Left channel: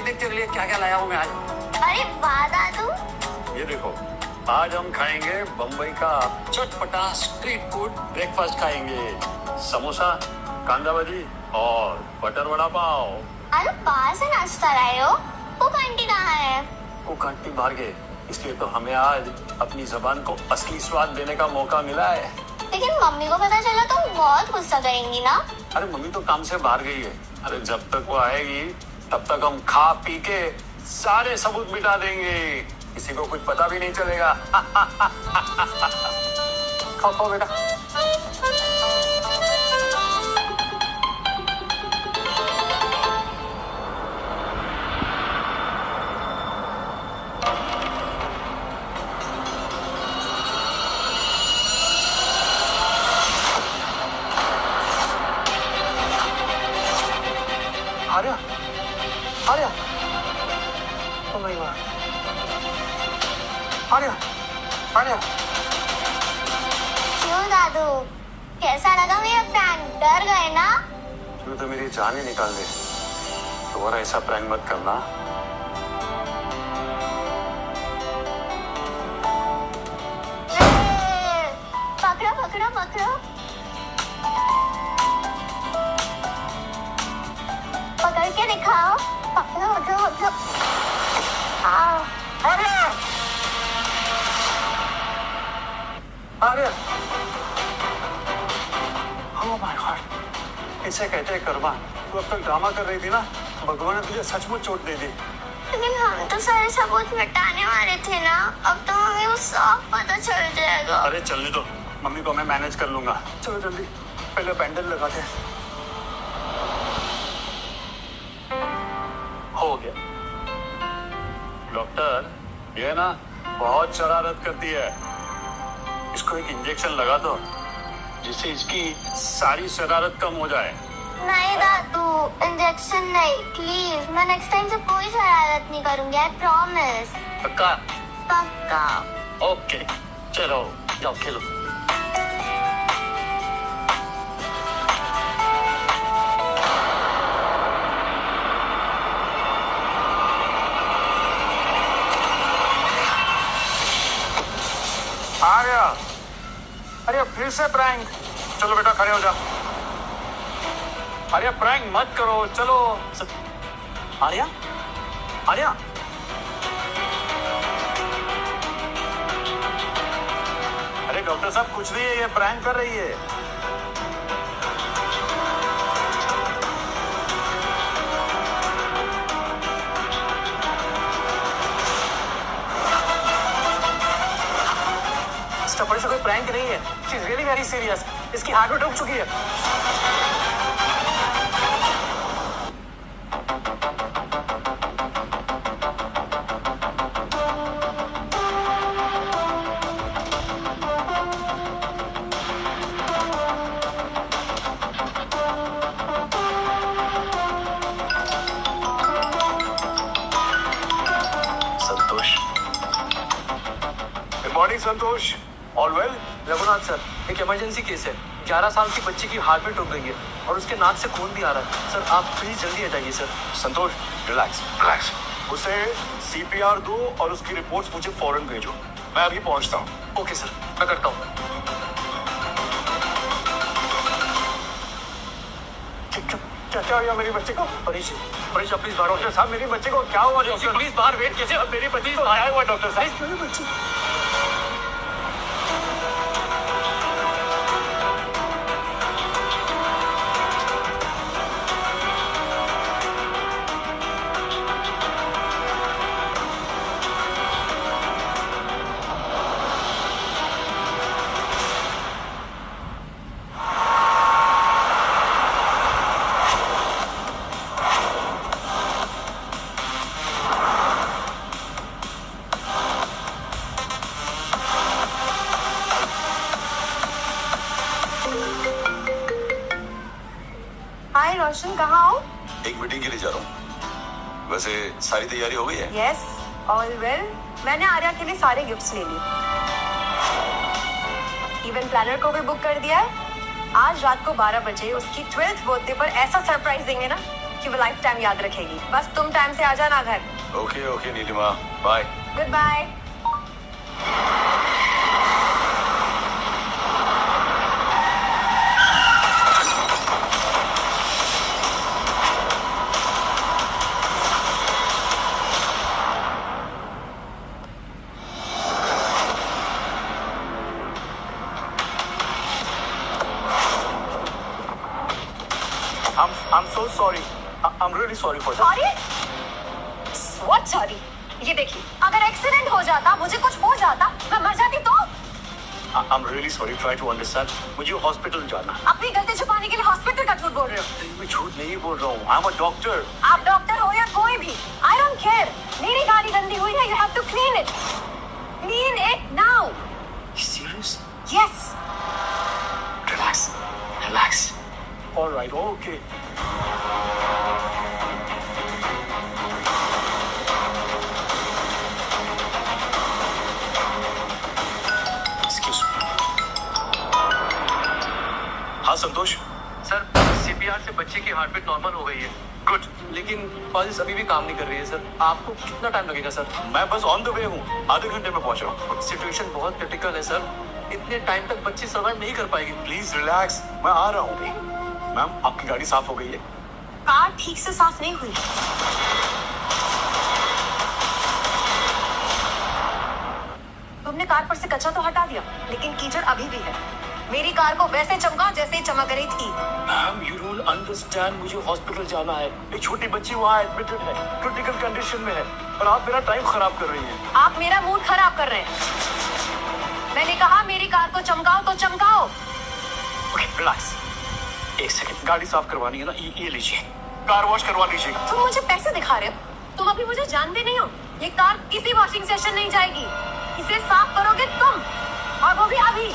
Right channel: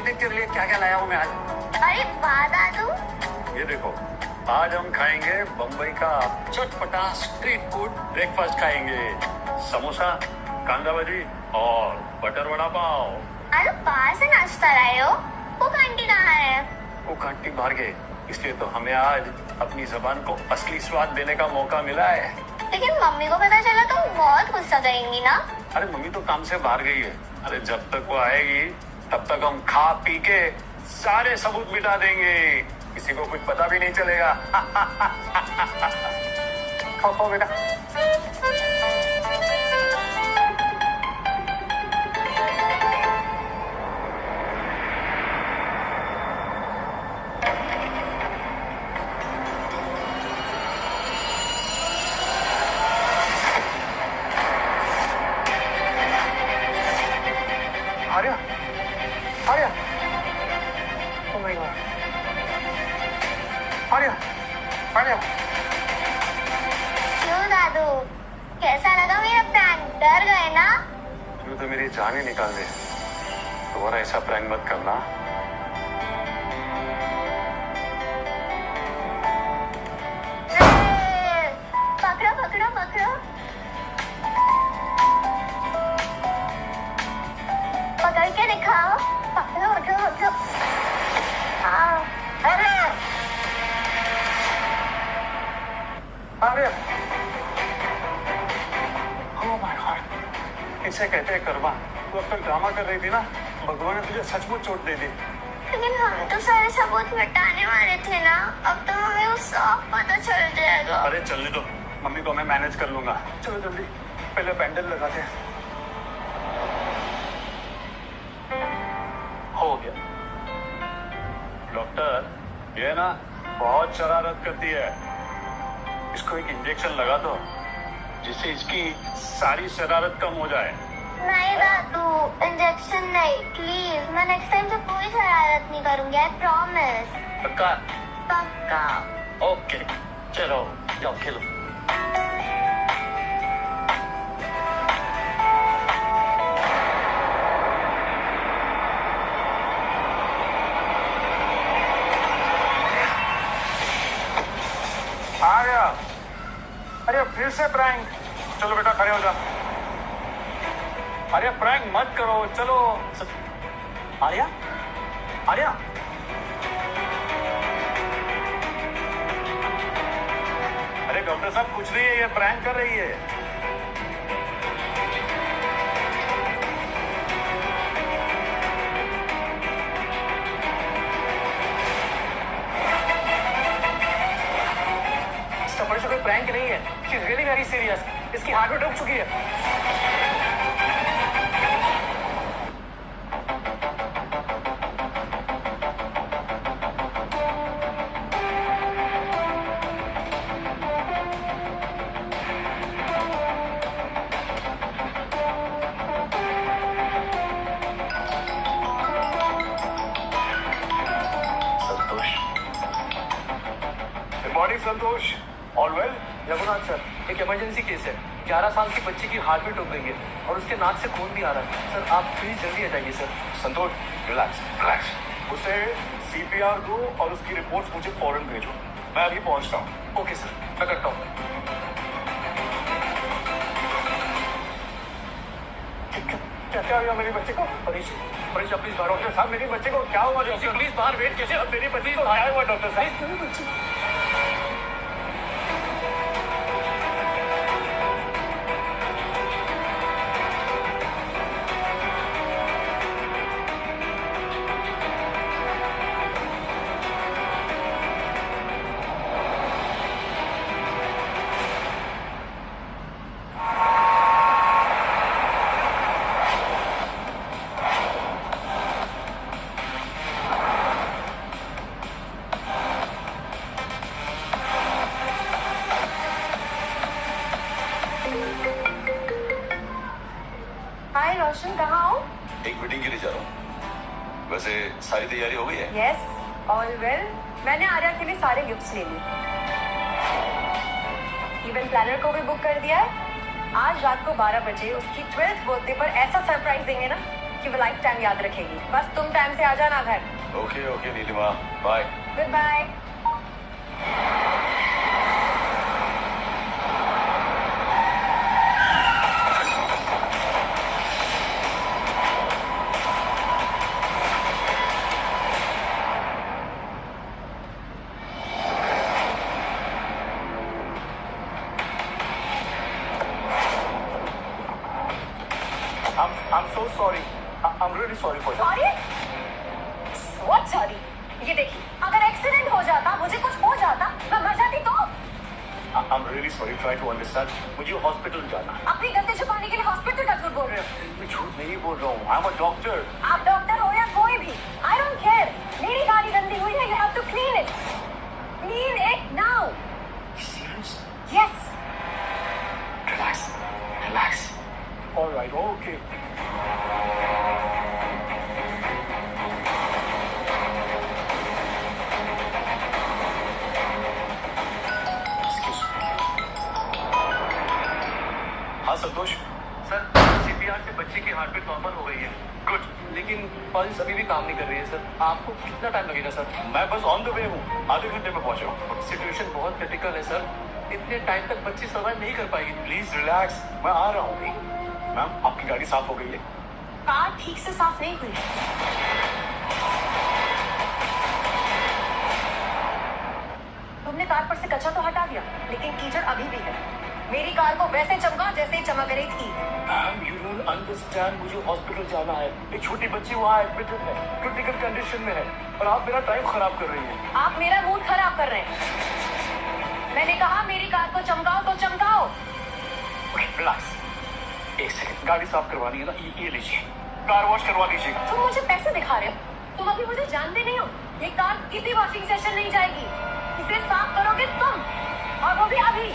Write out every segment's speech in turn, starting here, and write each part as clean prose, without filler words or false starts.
देख तेरे लिए क्या क्या लाया हूँ मैं आज। अरे वाह दादू। ये देखो, आज हम खाएंगे बम्बई का चटपटा स्ट्रीट फूड ब्रेकफास्ट खाएंगे। समोसा, कांदा भाजी और बटर वड़ा पाव। अरे बाहर से नाश्ता लाए हो? वो आंटी कहाँ है? वो आंटी बाहर गए, इसलिए तो हमें आज अपनी जबान को असली स्वाद देने का मौका मिला है। लेकिन मम्मी को पता चला तो बहुत गुस्सा करेंगी ना। अरे मम्मी तो काम से बाहर गई है। अरे जब तक वो आएगी तब तक हम खा पी के सारे सबूत मिटा देंगे, किसी को कुछ पता भी नहीं चलेगा। खाओ खाओ बेटा। Arya, Arya, oh my God, Arya, Arya. क्यों दादू, कैसा लगा मेरा प्रैंक? डर गए ना? तू तो मेरी जान ही निकाल दे। दोबारा ऐसा प्रैंक मत करना। पकड़ो पकड़ो पकड़ो, पकड़ के दिखाओ। पकड़ो पकड़ो पकड़ो। Arya, Arya, oh my God, इसे कहते हैं कर्मा। तू अब तक ड्रामा कर रही थी ना, भगवान ने तुझे सचमुच चोट दे दी। लेकिन हम तो सारे सबूत मिटाने वाले थे ना, अब तो हमें वो सब पता चल जाएगा। अरे चलने दो, मम्मी को मैं मैनेज कर लूंगा। चलो जल्दी, पहले बैंडल लगाते हैं। हो गया। डॉक्टर, ये ना बहुत शरारत करती है, इसको एक इंजेक्शन लगा दो जिससे इसकी सारी शरारत कम हो जाए। नहीं दादू, इंजेक्शन नहीं प्लीज। मैं नेक्स्ट टाइम से कोई शरारत नहीं करूंगी, आई प्रॉमिस। पक्का? पक्का। ओके, चलो जाओ खेलो। आर्या, अरे फिर से प्रैंक। चलो बेटा खड़े हो जा। आर्या प्रैंक मत करो, चलो। आर्या, आर्या, अरे डॉक्टर साहब कुछ नहीं है, ये प्रैंक कर रही है। सफर से कोई प्रैंक नहीं है, she is really very serious. इसकी हार्ट में रुक चुकी है। संतोष, गुड मॉर्निंग संतोष, ऑल वेल? रघुनाथ सर, एक इमरजेंसी केस है। 11 साल की बच्ची की हार्ट में रुक गई है और उसके नाक से खून भी आ रहा है। सर आप प्लीज जल्दी आ जाइए सर। संतोष रिलैक्स रिलैक्स, उसे सीपीआर दो और उसकी रिपोर्ट्स मुझे फौरन भेजो। मैं अभी पहुंचता हूँ। ओके सर, मैं करता हूँ। क्या हुआ मेरी बच्चे को? परीश, प्लीज बाहर। डॉक्टर साहब मेरी बच्चे को क्या हुआ? डॉक्टर प्लीज बाहर वेट कीजिए। अब मेरी बच्ची तो आया हुआ डॉक्टर साहब। मेरी बच्ची हाय रोशन, कहाँ हो? एक मीटिंग के लिए जा रहा हूँ। वैसे सारी तैयारी हो गई है? Yes, all well. मैंने आर्या के लिए सारे गिफ्ट्स ले लिए। इवेंट प्लानर को भी बुक कर दिया है। आज रात को 12 बजे उसकी 12th बर्थडे पर ऐसा सरप्राइज देंगे ना कि वो लाइफ टाइम याद रखेगी। बस तुम टाइम से आ जाना घर। Okay okay Nilima, bye. Good bye. I'm so sorry. I'm really sorry for that. Sorry? What sorry? ये देखिए, अगर एक्सीडेंट हो जाता, मुझे कुछ हो जाता, मैं मर जाती तो? I'm really sorry. Try to understand. मुझे हॉस्पिटल जाना है। अपनी गलती छुपाने के लिए हॉस्पिटल का झूठ बोल रहे हो। मैं झूठ नहीं बोल रहा हूँ। I'm a doctor. आप डॉक्टर हो या कोई भी, I don't care. मेरी गाड़ी गंदी हुई है, you have to clean it. Clean it now. You serious? Yes. Relax. Relax. All right. Okay. Excuse me. हाँ संतोष। सर, सीपीआर से बच्चे की हार्ट बीट नॉर्मल हो गई है। गुड। लेकिन पल्स अभी भी काम नहीं कर रही है सर। आपको कितना टाइम लगेगा सर? मैं बस ऑन द वे हूँ। आधे घंटे में पहुँच रहा हूँ। सिचुएशन बहुत क्रिटिकल है सर। इतने टाइम तक बच्ची सर्वाइव नहीं कर पाएगी। Please relax. मैं आ रहा हूँ अभी। मैम आपकी गाड़ी साफ हो गई है? कार ठीक से साफ नहीं हुई। तुमने कार पर से कचरा तो हटा दिया, लेकिन कीचड़ अभी भी है। मेरी कार को वैसे चमका जैसे चमक रही थी। Ma'am you don't understand. मुझे हॉस्पिटल जाना है। एक छोटी बच्ची वहाँ एडमिटेड है, क्रिटिकल कंडीशन में है, और आप मेरा टाइम खराब कर रही हैं। आप मेरा मूड खराब कर रहे हैं। मैंने कहा मेरी कार को चमकाओ तो चमकाओ। Okay relax. एक सेकंड, गाड़ी साफ करवानी है ना? ये लीजिए, कार वॉश करवा लीजिए। तुम मुझे पैसे दिखा रहे हो? तुम अभी मुझे जानते नहीं हो। ये कार किसी वॉशिंग सेशन नहीं जाएगी। इसे साफ करोगे तुम, और वो भी अभी।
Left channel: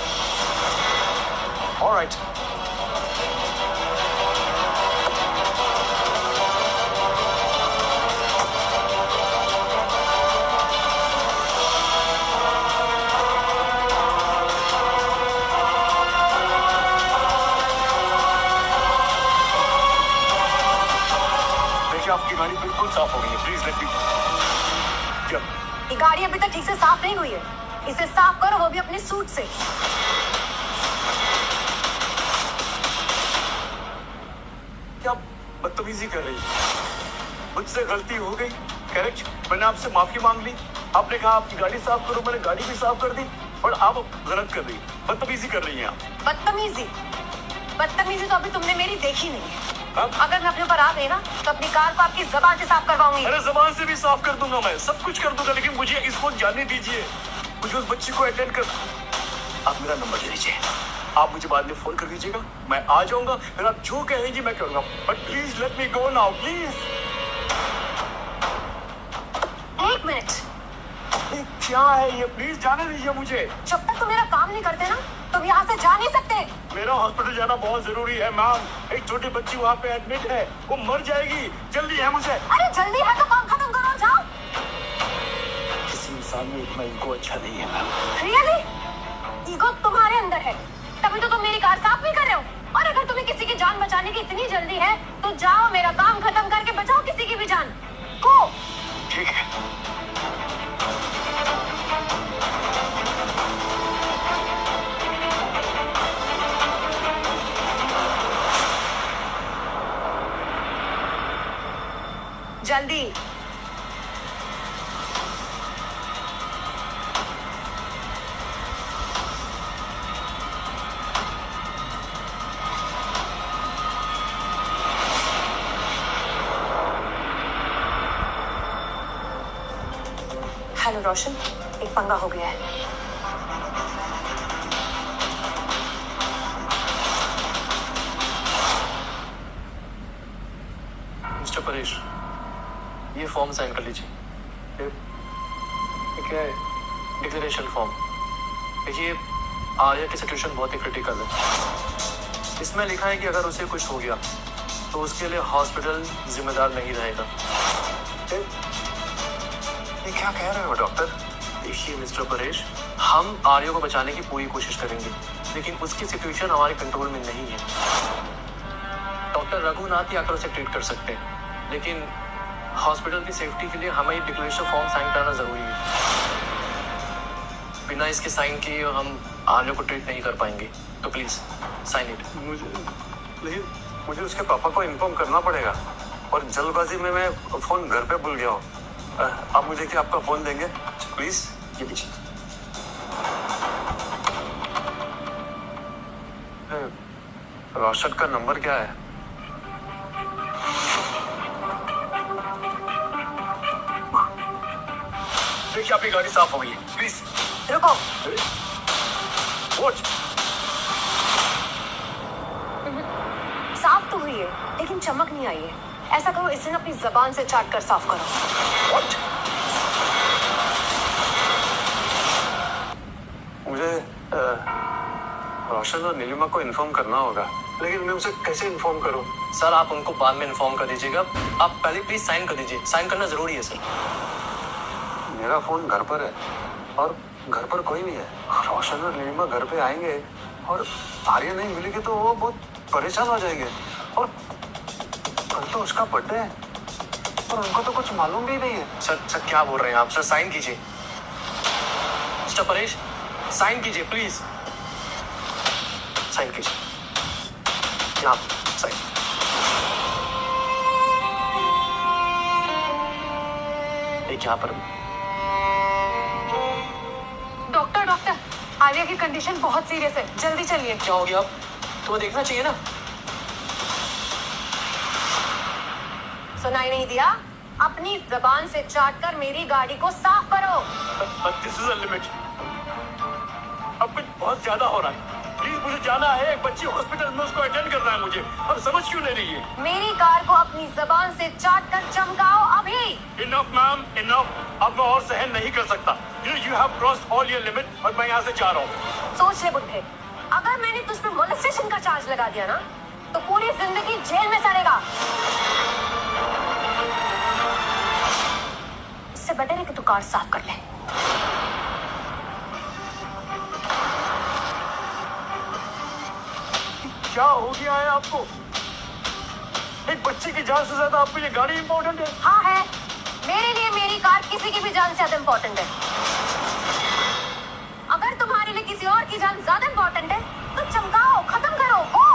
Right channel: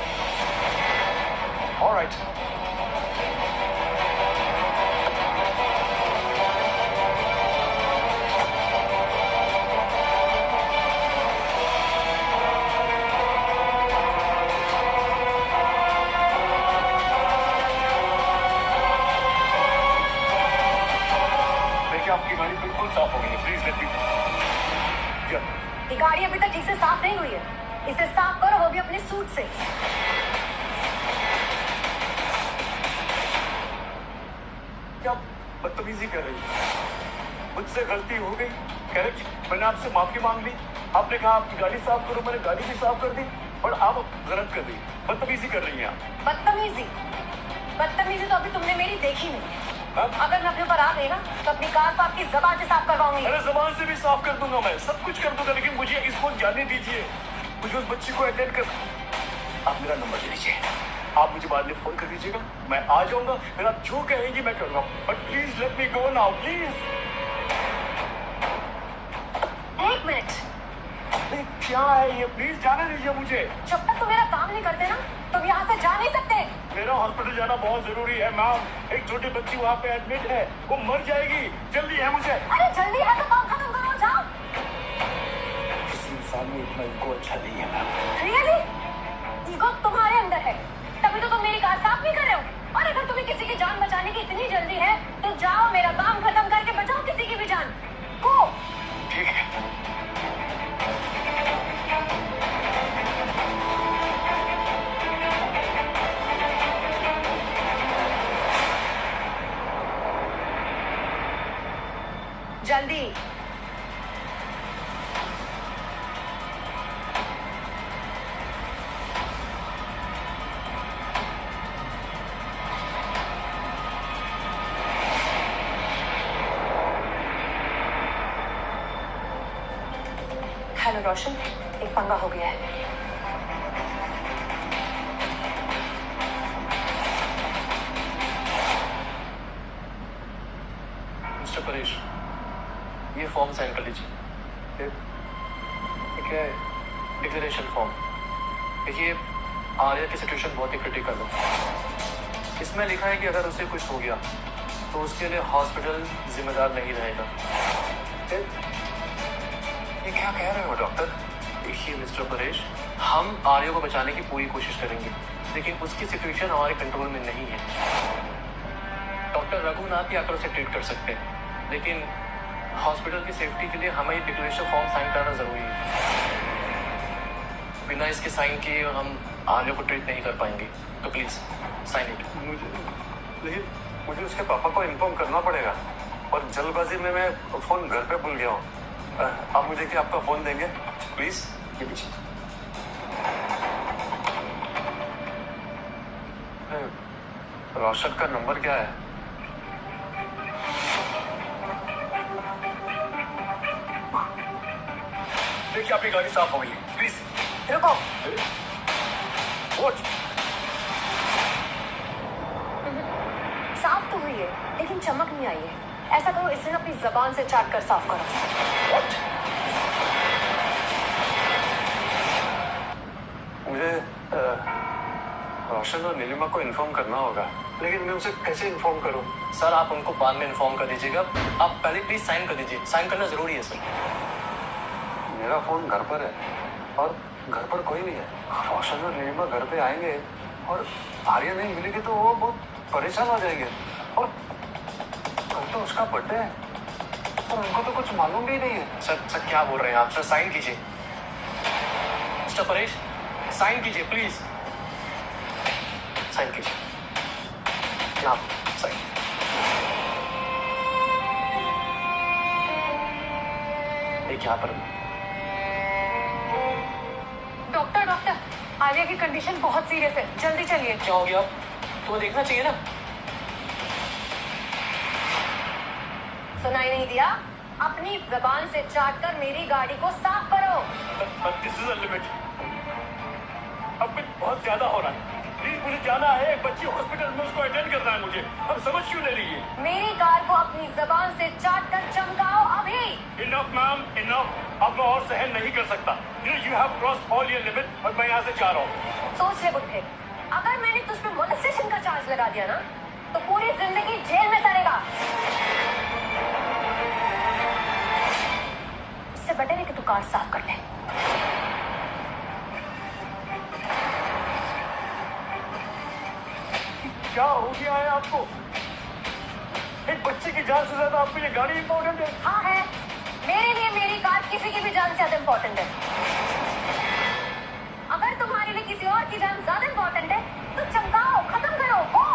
ऑलराइट। देखिए आपकी गाड़ी बिल्कुल साफ हो गई है। Please let me. ये गाड़ी अभी तक ठीक से साफ नहीं हुई है। इसे साफ करो, वो भी अपने सूट से। क्या बदतमीजी कर रही है? मुझसे गलती हो गई, करेक्ट। मैंने आपसे माफी मांग ली। आपने कहा आपकी गाड़ी साफ करो, मैंने गाड़ी भी साफ कर दी, और आप गलत कर रही है, बदतमीजी कर रही हैं आप। बदतमीजी? बदतमीजी तो अभी तुमने मेरी देखी नहीं है। अब अगर मैं अपने ऊपर आ गई ना, तो अपनी कार को आपकी जबान से साफ करवाऊंगी। अरे जबान से भी साफ कर दूंगा, मैं सब कुछ कर दूंगा, लेकिन मुझे इसको जाने दीजिए। मुझे उस बच्ची को अटेंड कर। आप मेरा नंबर दे दीजिए। आप मुझे बाद में फोन कर दीजिएगा, मैं आ जाऊंगा। फिर आप जो कहेंगी मैं करूंगा, but please let me go now please. एक मिनट। नहीं, क्या है ये? प्लीज जाने दीजिए मुझे। जब तक तुम मेरा काम नहीं करते ना, तुम यहाँ से जा नहीं सकते। मेरा हॉस्पिटल जाना बहुत जरूरी है मैम। एक छोटी बच्ची वहाँ पे एडमिट है, वो मर जाएगी। जल्दी है मुझे। अरे जल्दी है तो काम खत्म करो, जाओ। किसी इंसान में इतना इनको अच्छा नहीं है मैम। रियली? ईगो तुम्हारे अंदर है, तभी तो तुम मेरी कार साफ नहीं कर रहे हो। और अगर तुम्हें किसी की जान बचाने की इतनी जल्दी है, तो जाओ मेरा काम खत्म करके बचाओ किसी की भी जान को। ठीक है। जल्दी। हेलो रोशन, एक पंगा हो गया है। मिस्टर परेश, ये फॉर्म साइन कर लीजिए। ठीक है, डिक्लेरेशन फॉर्म। देखिए, आर्या की सिचुएशन बहुत ही क्रिटिकल है। इसमें लिखा है कि अगर उसे कुछ हो गया तो उसके लिए हॉस्पिटल जिम्मेदार नहीं रहेगा। ये क्या कह रहे हो डॉक्टर? देखिए मिस्टर परेश, हम आर्या को बचाने की पूरी कोशिश करेंगे, लेकिन उसकी सिचुएशन हमारे कंट्रोल में नहीं है। डॉक्टर रघुनाथ ही आकर उसे ट्रीट कर सकते हैं, लेकिन हॉस्पिटल की सेफ्टी के लिए हमें ये डिक्लेरेशन फॉर्म साइन कराना जरूरी है। बिना इसके साइन किए हम आर्य को ट्रीट नहीं कर पाएंगे, तो प्लीज साइन इट। मुझे उसके पापा को इन्फॉर्म करना पड़ेगा और जल्दबाजी में मैं फोन घर पे भूल गया हूँ। आप मुझे क्या आपका फोन देंगे प्लीज? ये लीजिए। रोशन का नंबर क्या है? देखिए आपकी गाड़ी साफ हो गई है, प्लीज रुको। वॉच। साफ तो हुई है लेकिन चमक नहीं आई है। ऐसा करो, इसे ना अपनी जबान से चाट कर साफ करो। वॉट? मुझे रोशन और नीलिमा को इन्फॉर्म करना होगा, लेकिन मैं उसे कैसे इन्फॉर्म करूं? सर आप उनको बाद में इन्फॉर्म कर दीजिएगा, आप पहले प्लीज साइन कर दीजिए, साइन करना जरूरी है सर। मेरा फोन घर पर है और घर पर कोई नहीं है। रोशन और नीलिमा घर पे आएंगे और आर्य नहीं मिलेगी तो वो बहुत परेशान हो जाएंगे। और कल तो उसका बर्थडे है और उनको तो कुछ मालूम भी नहीं है। सर क्या बोल रहे हैं आप? सर साइन कीजिए। मिस्टर परेश साइन कीजिए प्लीज, साइन कीजिए। यहाँ साइन। एक यहाँ पर। डॉक्टर आर्या की कंडीशन बहुत सीरियस है, जल्दी चलिए। क्या हो गया? तुम्हें देखना चाहिए ना। सुनाई नहीं दिया? अपनी जबान से चाट कर मेरी गाड़ी को साफ करो। This is a limit. अब कुछ बहुत ज्यादा हो रहा है, प्लीज मुझे जाना है। एक बच्ची हॉस्पिटल में, उसको अटेंड करना है मुझे। अब समझ क्यों ले रही है? मेरी कार को अपनी जबान से चाट कर चमकाओ अभी। Enough ma'am, enough. अब मैं और सहन नहीं कर सकता। You have crossed all your limit और मैं यहाँ से जा रहा हूँ। सोच ले बुड्ढे, अगर मैंने तुझ पे मोलेस्टेशन का चार्ज लगा दिया ना तो पूरी जिंदगी जेल में सड़ेगा। इससे बेटर है कि तू कार साफ कर ले। क्या हो गया है आपको? एक बच्चे की जान से ज्यादा आपको ये गाड़ी इंपॉर्टेंट है? हाँ है, मेरे लिए मेरी कार किसी की भी जान से ज्यादा इम्पोर्टेंट है। अगर तुम्हारे लिए किसी और की जान ज्यादा इम्पोर्टेंट है तो चमकाओ, खत्म करो। हो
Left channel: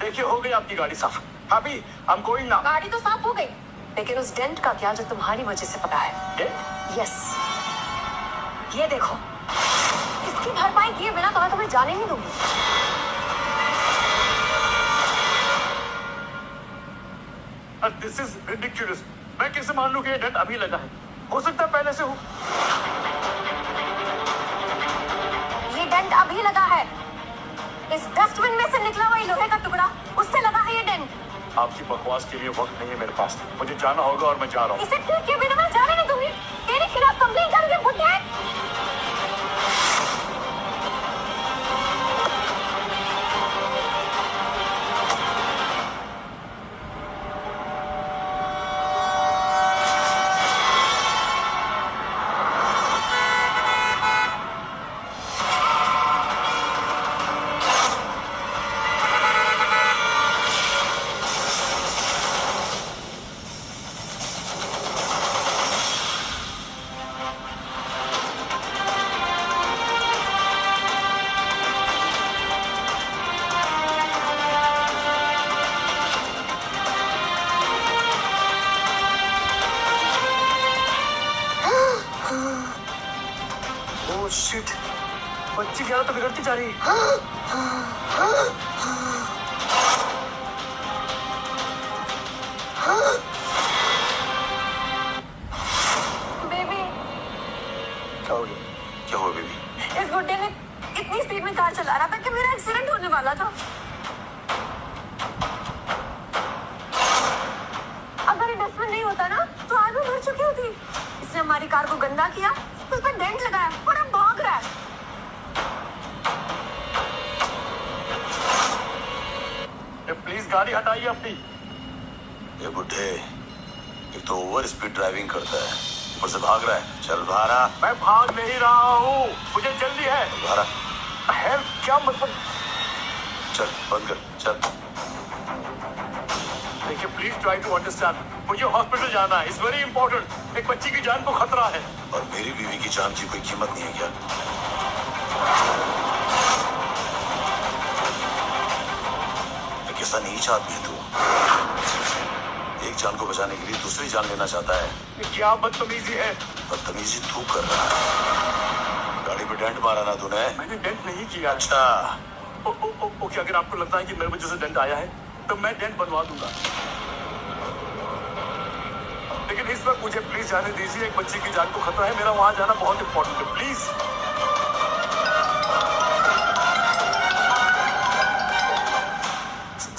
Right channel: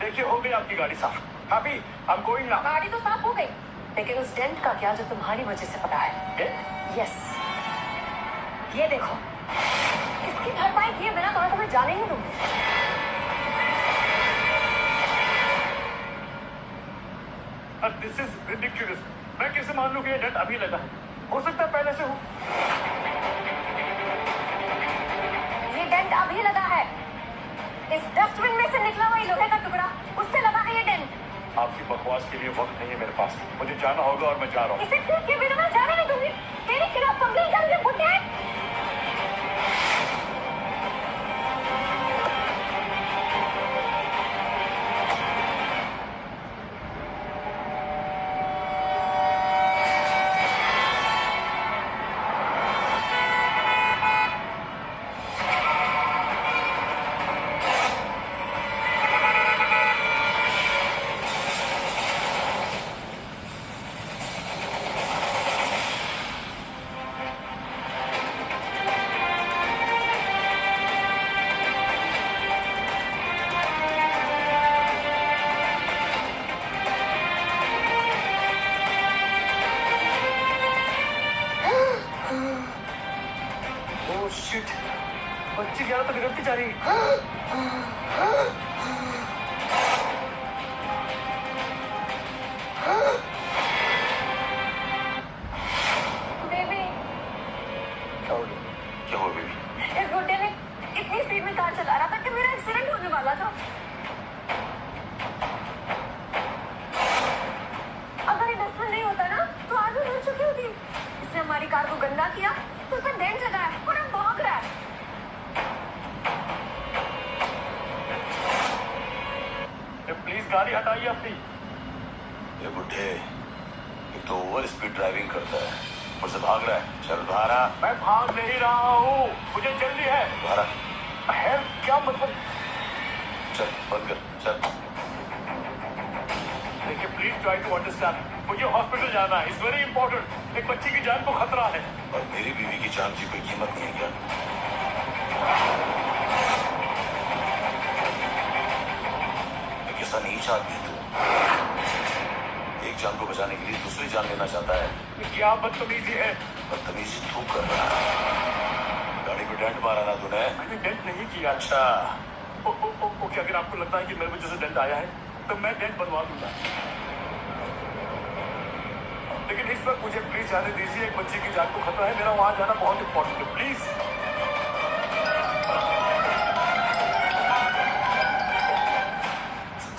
देखिए हो गई आपकी गाड़ी साफ। Happy, I am going now. गाड़ी तो साफ हो गई, लेकिन उस डेंट का क्या जो तुम्हारी वजह से पड़ा है? यस, ये देखो, इसकी भरपाई किए बिना तो मैं तुम्हें जाने नहीं दूंगी। This is ridiculous. मैं कैसे मान लूं कि ये डेंट अभी लगा है? हो सकता है पहले से हो। ये डेंट अभी लगा है, इस डस्टबिन में से निकला हुआ लोहे का टुकड़ा, उससे लगा है ये डेंट। आपकी बकवास के लिए वक्त नहीं है मेरे पास, मुझे जाना होगा और मैं जा रहा हूँ। इसे ठीक किए बिना मैं जाने नहीं दूंगी। तेरे खिलाफ कंप्लेंट करूंगी बुड्ढे। शिट, बच्ची की हालत तो बिगड़ती जा रही है। क्या हो गया? क्या हुआ बेबी? इस बुड्ढे ने इतनी स्पीड में कार चला रहा था कि मेरा एक्सीडेंट होने वाला था। अगर ये डस्टबिन नहीं होता ना तो आज मैं मर चुकी होती। इसने हमारी कार को गंदा किया, उस पर डेंट लगाया और अब भाग रहा है। प्लीज गाड़ी हटाइए अपनी। ये बुढ़े एक तो ओवर स्पीड ड्राइविंग करता है, ऊपर से भाग रहा है। चल भारा। मैं भाग नहीं रहा हूँ, मुझे जल्दी है। भारा है क्या मतलब? चल बंद कर चल। देखिए प्लीज ट्राई टू अंडरस्टैंड, मुझे हॉस्पिटल जाना है, इट्स वेरी इंपॉर्टेंट। एक बच्ची की जान को खतरा है। और मेरी बीवी की जान की कोई कीमत नहीं है क्या? कैसा नीच आदमी है तू? एक जान को बचाने के लिए दूसरी जान लेना चाहता है। ये क्या बदतमीजी है? बदतमीजी तू कर रहा है। गाड़ी पे डेंट मारा ना तूने? मैंने डेंट नहीं किया। अच्छा ओके, अगर आपको लगता है कि मेरी वजह से डेंट आया है तो मैं डेंट बनवा दूंगा, लेकिन इस वक्त मुझे प्लीज जाने दीजिए। एक बच्ची की जान को खतरा है, मेरा वहां जाना बहुत इंपॉर्टेंट है, प्लीज।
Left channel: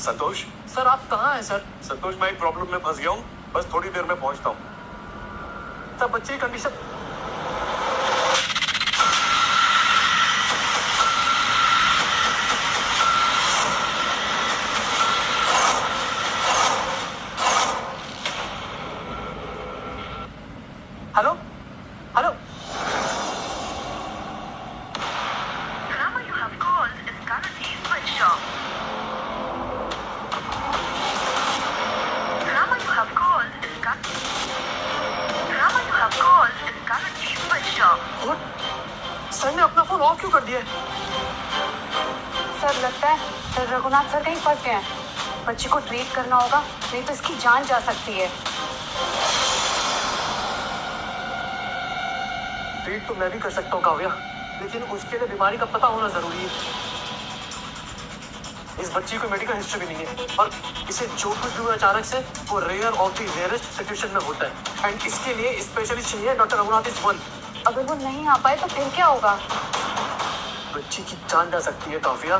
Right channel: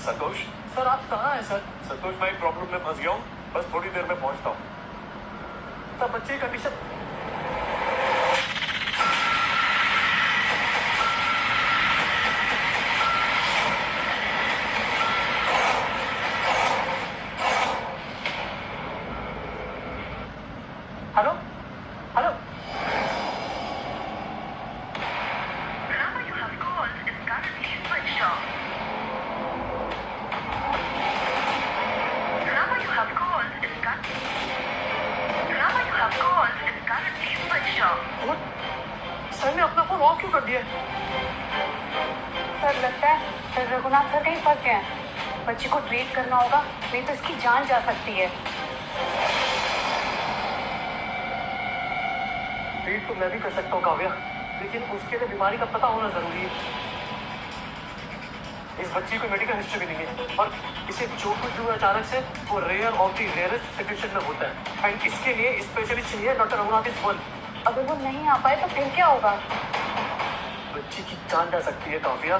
संतोष सर आप कहाँ हैं सर? संतोष, मैं एक प्रॉब्लम में फंस गया हूँ, बस थोड़ी देर में पहुंचता हूँ। सर बच्चे की condition. Hello hello. The number you have called is currently switched off. The number you have called is currently switched off. और सर ने अपना फोन ऑफ क्यों कर दिया है? सर लगता है रघुनाथ सर कहीं फंस गए हैं। बच्ची को ट्रीट करना होगा, नहीं तो इसकी जान जा सकती है। ट्रीट तो मैं भी कर सकता हूँ काव्या, लेकिन उसके लिए बीमारी का पता होना जरूरी है। इस बच्ची को मेडिकल हिस्ट्री भी नहीं है और इसे जो कुछ भी हुआ अचानक से वो rare of the rarest situation में होता है, एंड इसके लिए स्पेशलिस्ट चाहिए। Doctor Raghunath is one. अगर वो नहीं आ पाए तो फिर क्या होगा? बच्ची की जान जा सकती है काव्या।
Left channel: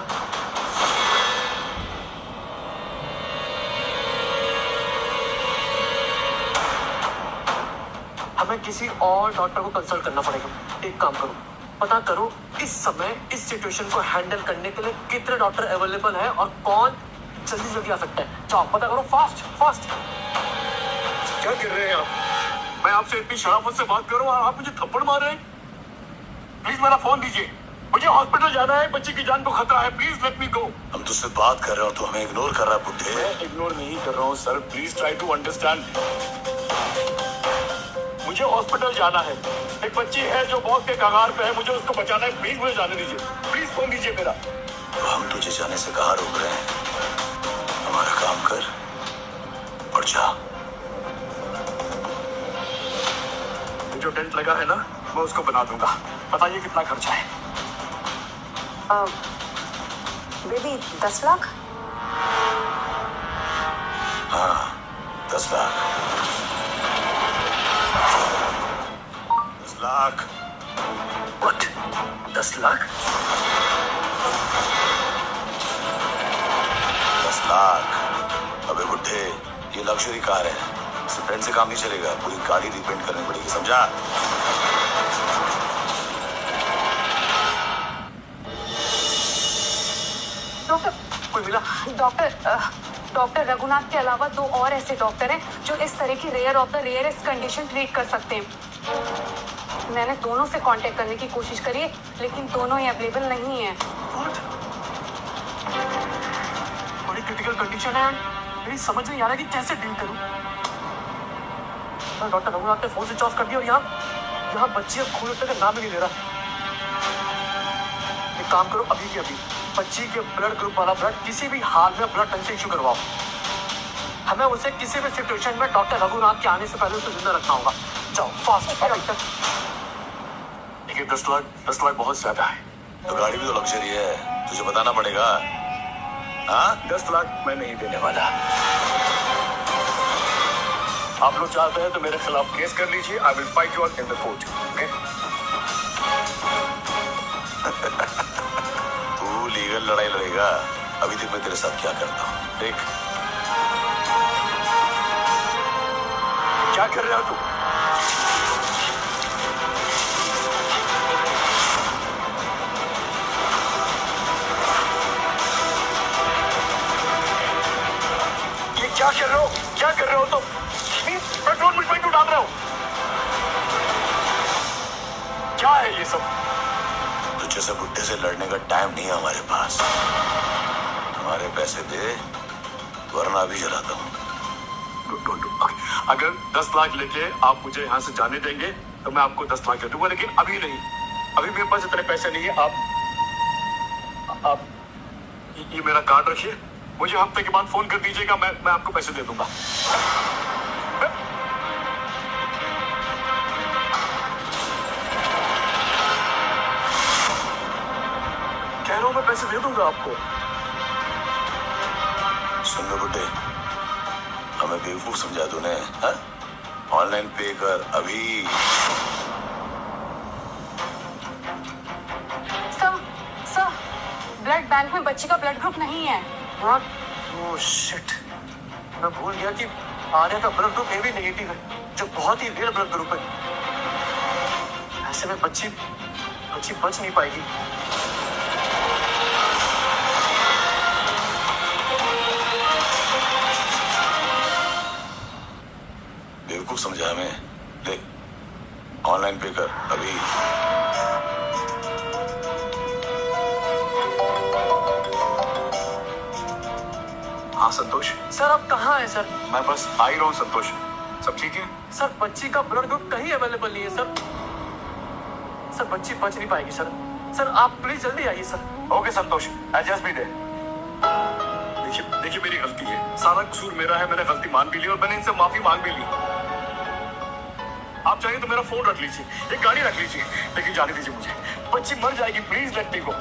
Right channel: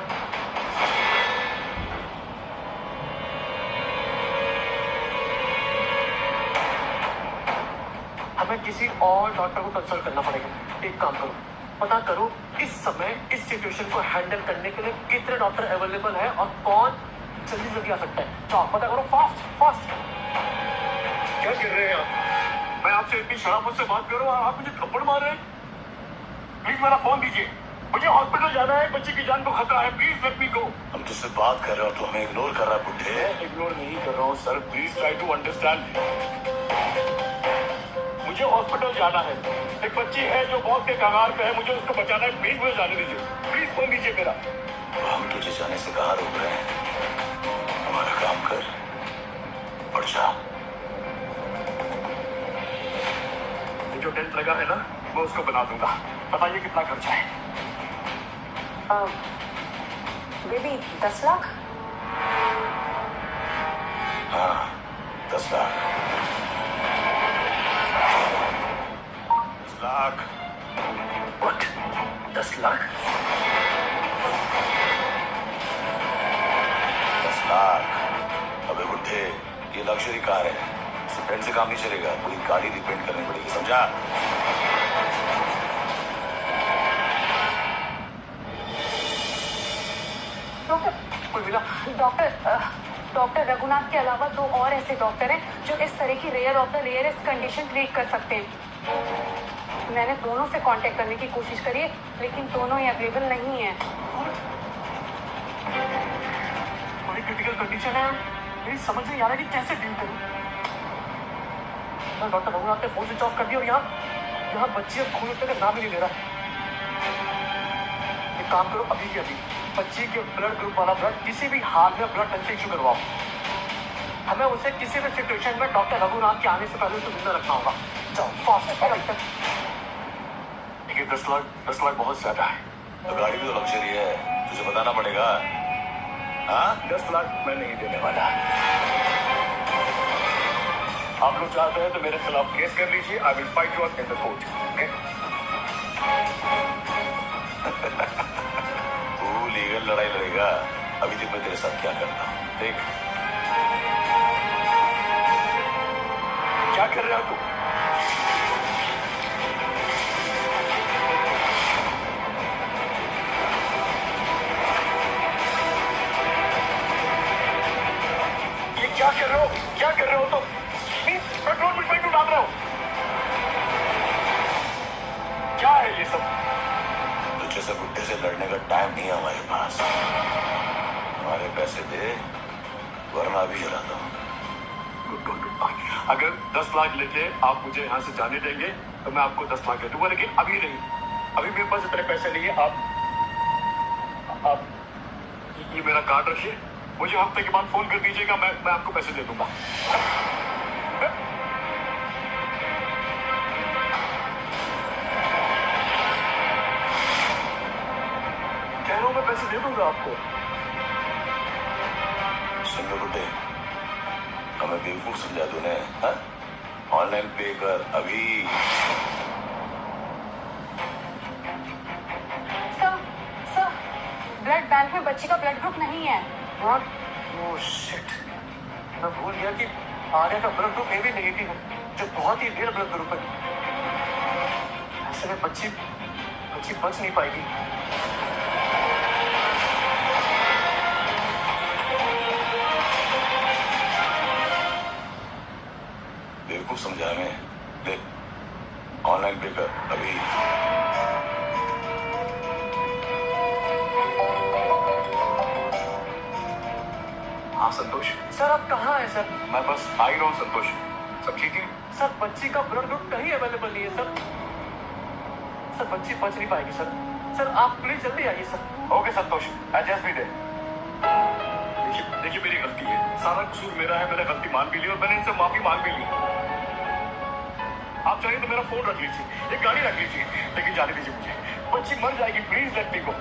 हमें किसी और डॉक्टर को कंसल्ट करना पड़ेगा। एक काम करो, पता करो इस समय इस सिचुएशन को हैंडल करने के लिए कितने डॉक्टर अवेलेबल है और कौन जल्दी जल्दी आ सकता है। जाओ पता करो, फास्ट फास्ट। क्या कर रहे हैं आप? मैं आपसे इतनी शराफत से बात कर रहा हूँ और आप मुझे थप्पड़ मार रहे हैं। प्लीज मेरा फोन दीजिए, मुझे हॉस्पिटल जाना है, बच्ची की जान को खतरा है, प्लीज लेट मी गो। हम तुझसे बात कर रहे हो तो हमें इग्नोर कर रहा है बुढ़े। मैं इग्नोर नहीं कर रहा हूँ sir, please try to understand. मुझे हॉस्पिटल जाना है, एक बच्ची है जो मौत के कगार पे है, मुझे उसको बचाना है, प्लीज मुझे जाने दीजिए, प्लीज फोन दीजिए मेरा। तो हम तुझे जाने से कहाँ रोक रहे हैं? हमारा काम कर और जा। ये जो डेंट लगा है ना, मैं उसको बना दूंगा। बताइए कितना खर्चा है? बेबी 10 लाख। हाँ 10 लाख। 10 लाख। What? 10 लाख? 10 लाख। अबे बुढ़े, ये लग्जरी कार है, इसे पेंट से काम नहीं चलेगा, पूरी गाड़ी रिपेंट करनी पड़ेगी, समझा? डॉक्टर कोई मिला? डॉक्टर रघुनाथ के अलावा 2 और ऐसे डॉक्टर हैं जो इस तरह की rare of the rarest condition treat कर सकते हैं। मैंने दोनों से कांटेक्ट करने की कोशिश करी है, लेकिन दोनों ही अवेलेबल नहीं है। बड़ी क्रिटिकल कंडीशन है, मेरी समझ नहीं आ रहा कि कैसे डील करूं। डॉक्टर रघुनाथ ने फोन स्विच ऑफ कर दिया और यहाँ बच्ची अब खून उठने का नाम ही नहीं ले रहा। एक काम करो, अभी की अभी बच्ची के ब्लड ग्रुप वाला ब्लड किसी भी हाल में ब्लड बैंक से इशू करवाओ। हमें उसे किसी भी सिचुएशन में डॉक्टर रघुनाथ के आने से पहले उसे जिंदा रखना होगा। जाओ फास्ट। देखिए 10 लाख बहुत ज्यादा है। तो गाड़ी भी तो लग्जरी है, तुझे बताना पड़ेगा। हाँ 10 लाख मैं नहीं देने वाला। आप लोग चाहते हैं तो मेरे खिलाफ केस कर लीजिए, I will fight you in the court. Okay तू लीगल लड़ाई लड़ेगा, अभी तक मैं तेरे साथ क्या करता हूँ देख। क्या कर रहे हो तू? ये क्या कर रहे हो? क्या कर रहे हो तुम? पेट्रोल मुझ पे क्यों डाल रहे हो? क्या है ये सब? तुझ जैसे बुड्ढे से लड़ने का टाइम नहीं है हमारे पास। हमारे पैसे दे वरना अभी जलाता हूँ। अगर 10 लाख लेके आप मुझे यहाँ से जाने देंगे तो मैं आपको 10 लाख दे दूंगा, लेकिन अभी नहीं। अभी मेरे पास इतने पैसे नहीं है। आप ये मेरा कार्ड रखिए, मुझे हफ्ते के बाद फोन कर दीजिएगा, मैं आपको पैसे दे दूंगा। कह रहा हूं मैं पैसे दे दूंगा आपको। सुन लो बुड्ढे, हमें बेवकूफ समझा तूने, हाँ? ऑनलाइन पे कर अभी। सर, ब्लड बैंक में बच्ची का ब्लड ग्रुप नहीं है। व्हाट? ओह शिट, मैं भूल गया कि आर्या का ब्लड ग्रुप AB नेगेटिव है, जो बहुत ही रेयर ब्लड ग्रुप है। ऐसे में बच्ची बच नहीं पाएगी। बेवकूफ समझा हमें। ले ऑनलाइन पे कर अभी। हाँ संतोष, सर आप कहाँ हैं सर? मैं बस आ ही रहा हूँ संतोष। सब ठीक है? सर बच्ची का ब्लड ग्रुप कहीं अवेलेबल नहीं है सर। सर बच्ची बच नहीं पाएगी सर। सर आप प्लीज जल्दी आइए सर। ओके संतोष, एडजस्ट भी दे। देखिए मेरी गलती है, सारा कसूर मेरा है। मैंने गलती मान भी ली और मैंने इनसे माफी मांग भी ली। आप चाहिए तो मेरा फोन रख लीजिए, एक गाड़ी रख लीजिए, लेकिन जाने दीजिए मुझे। बच्ची मर जाएगी, please let me go.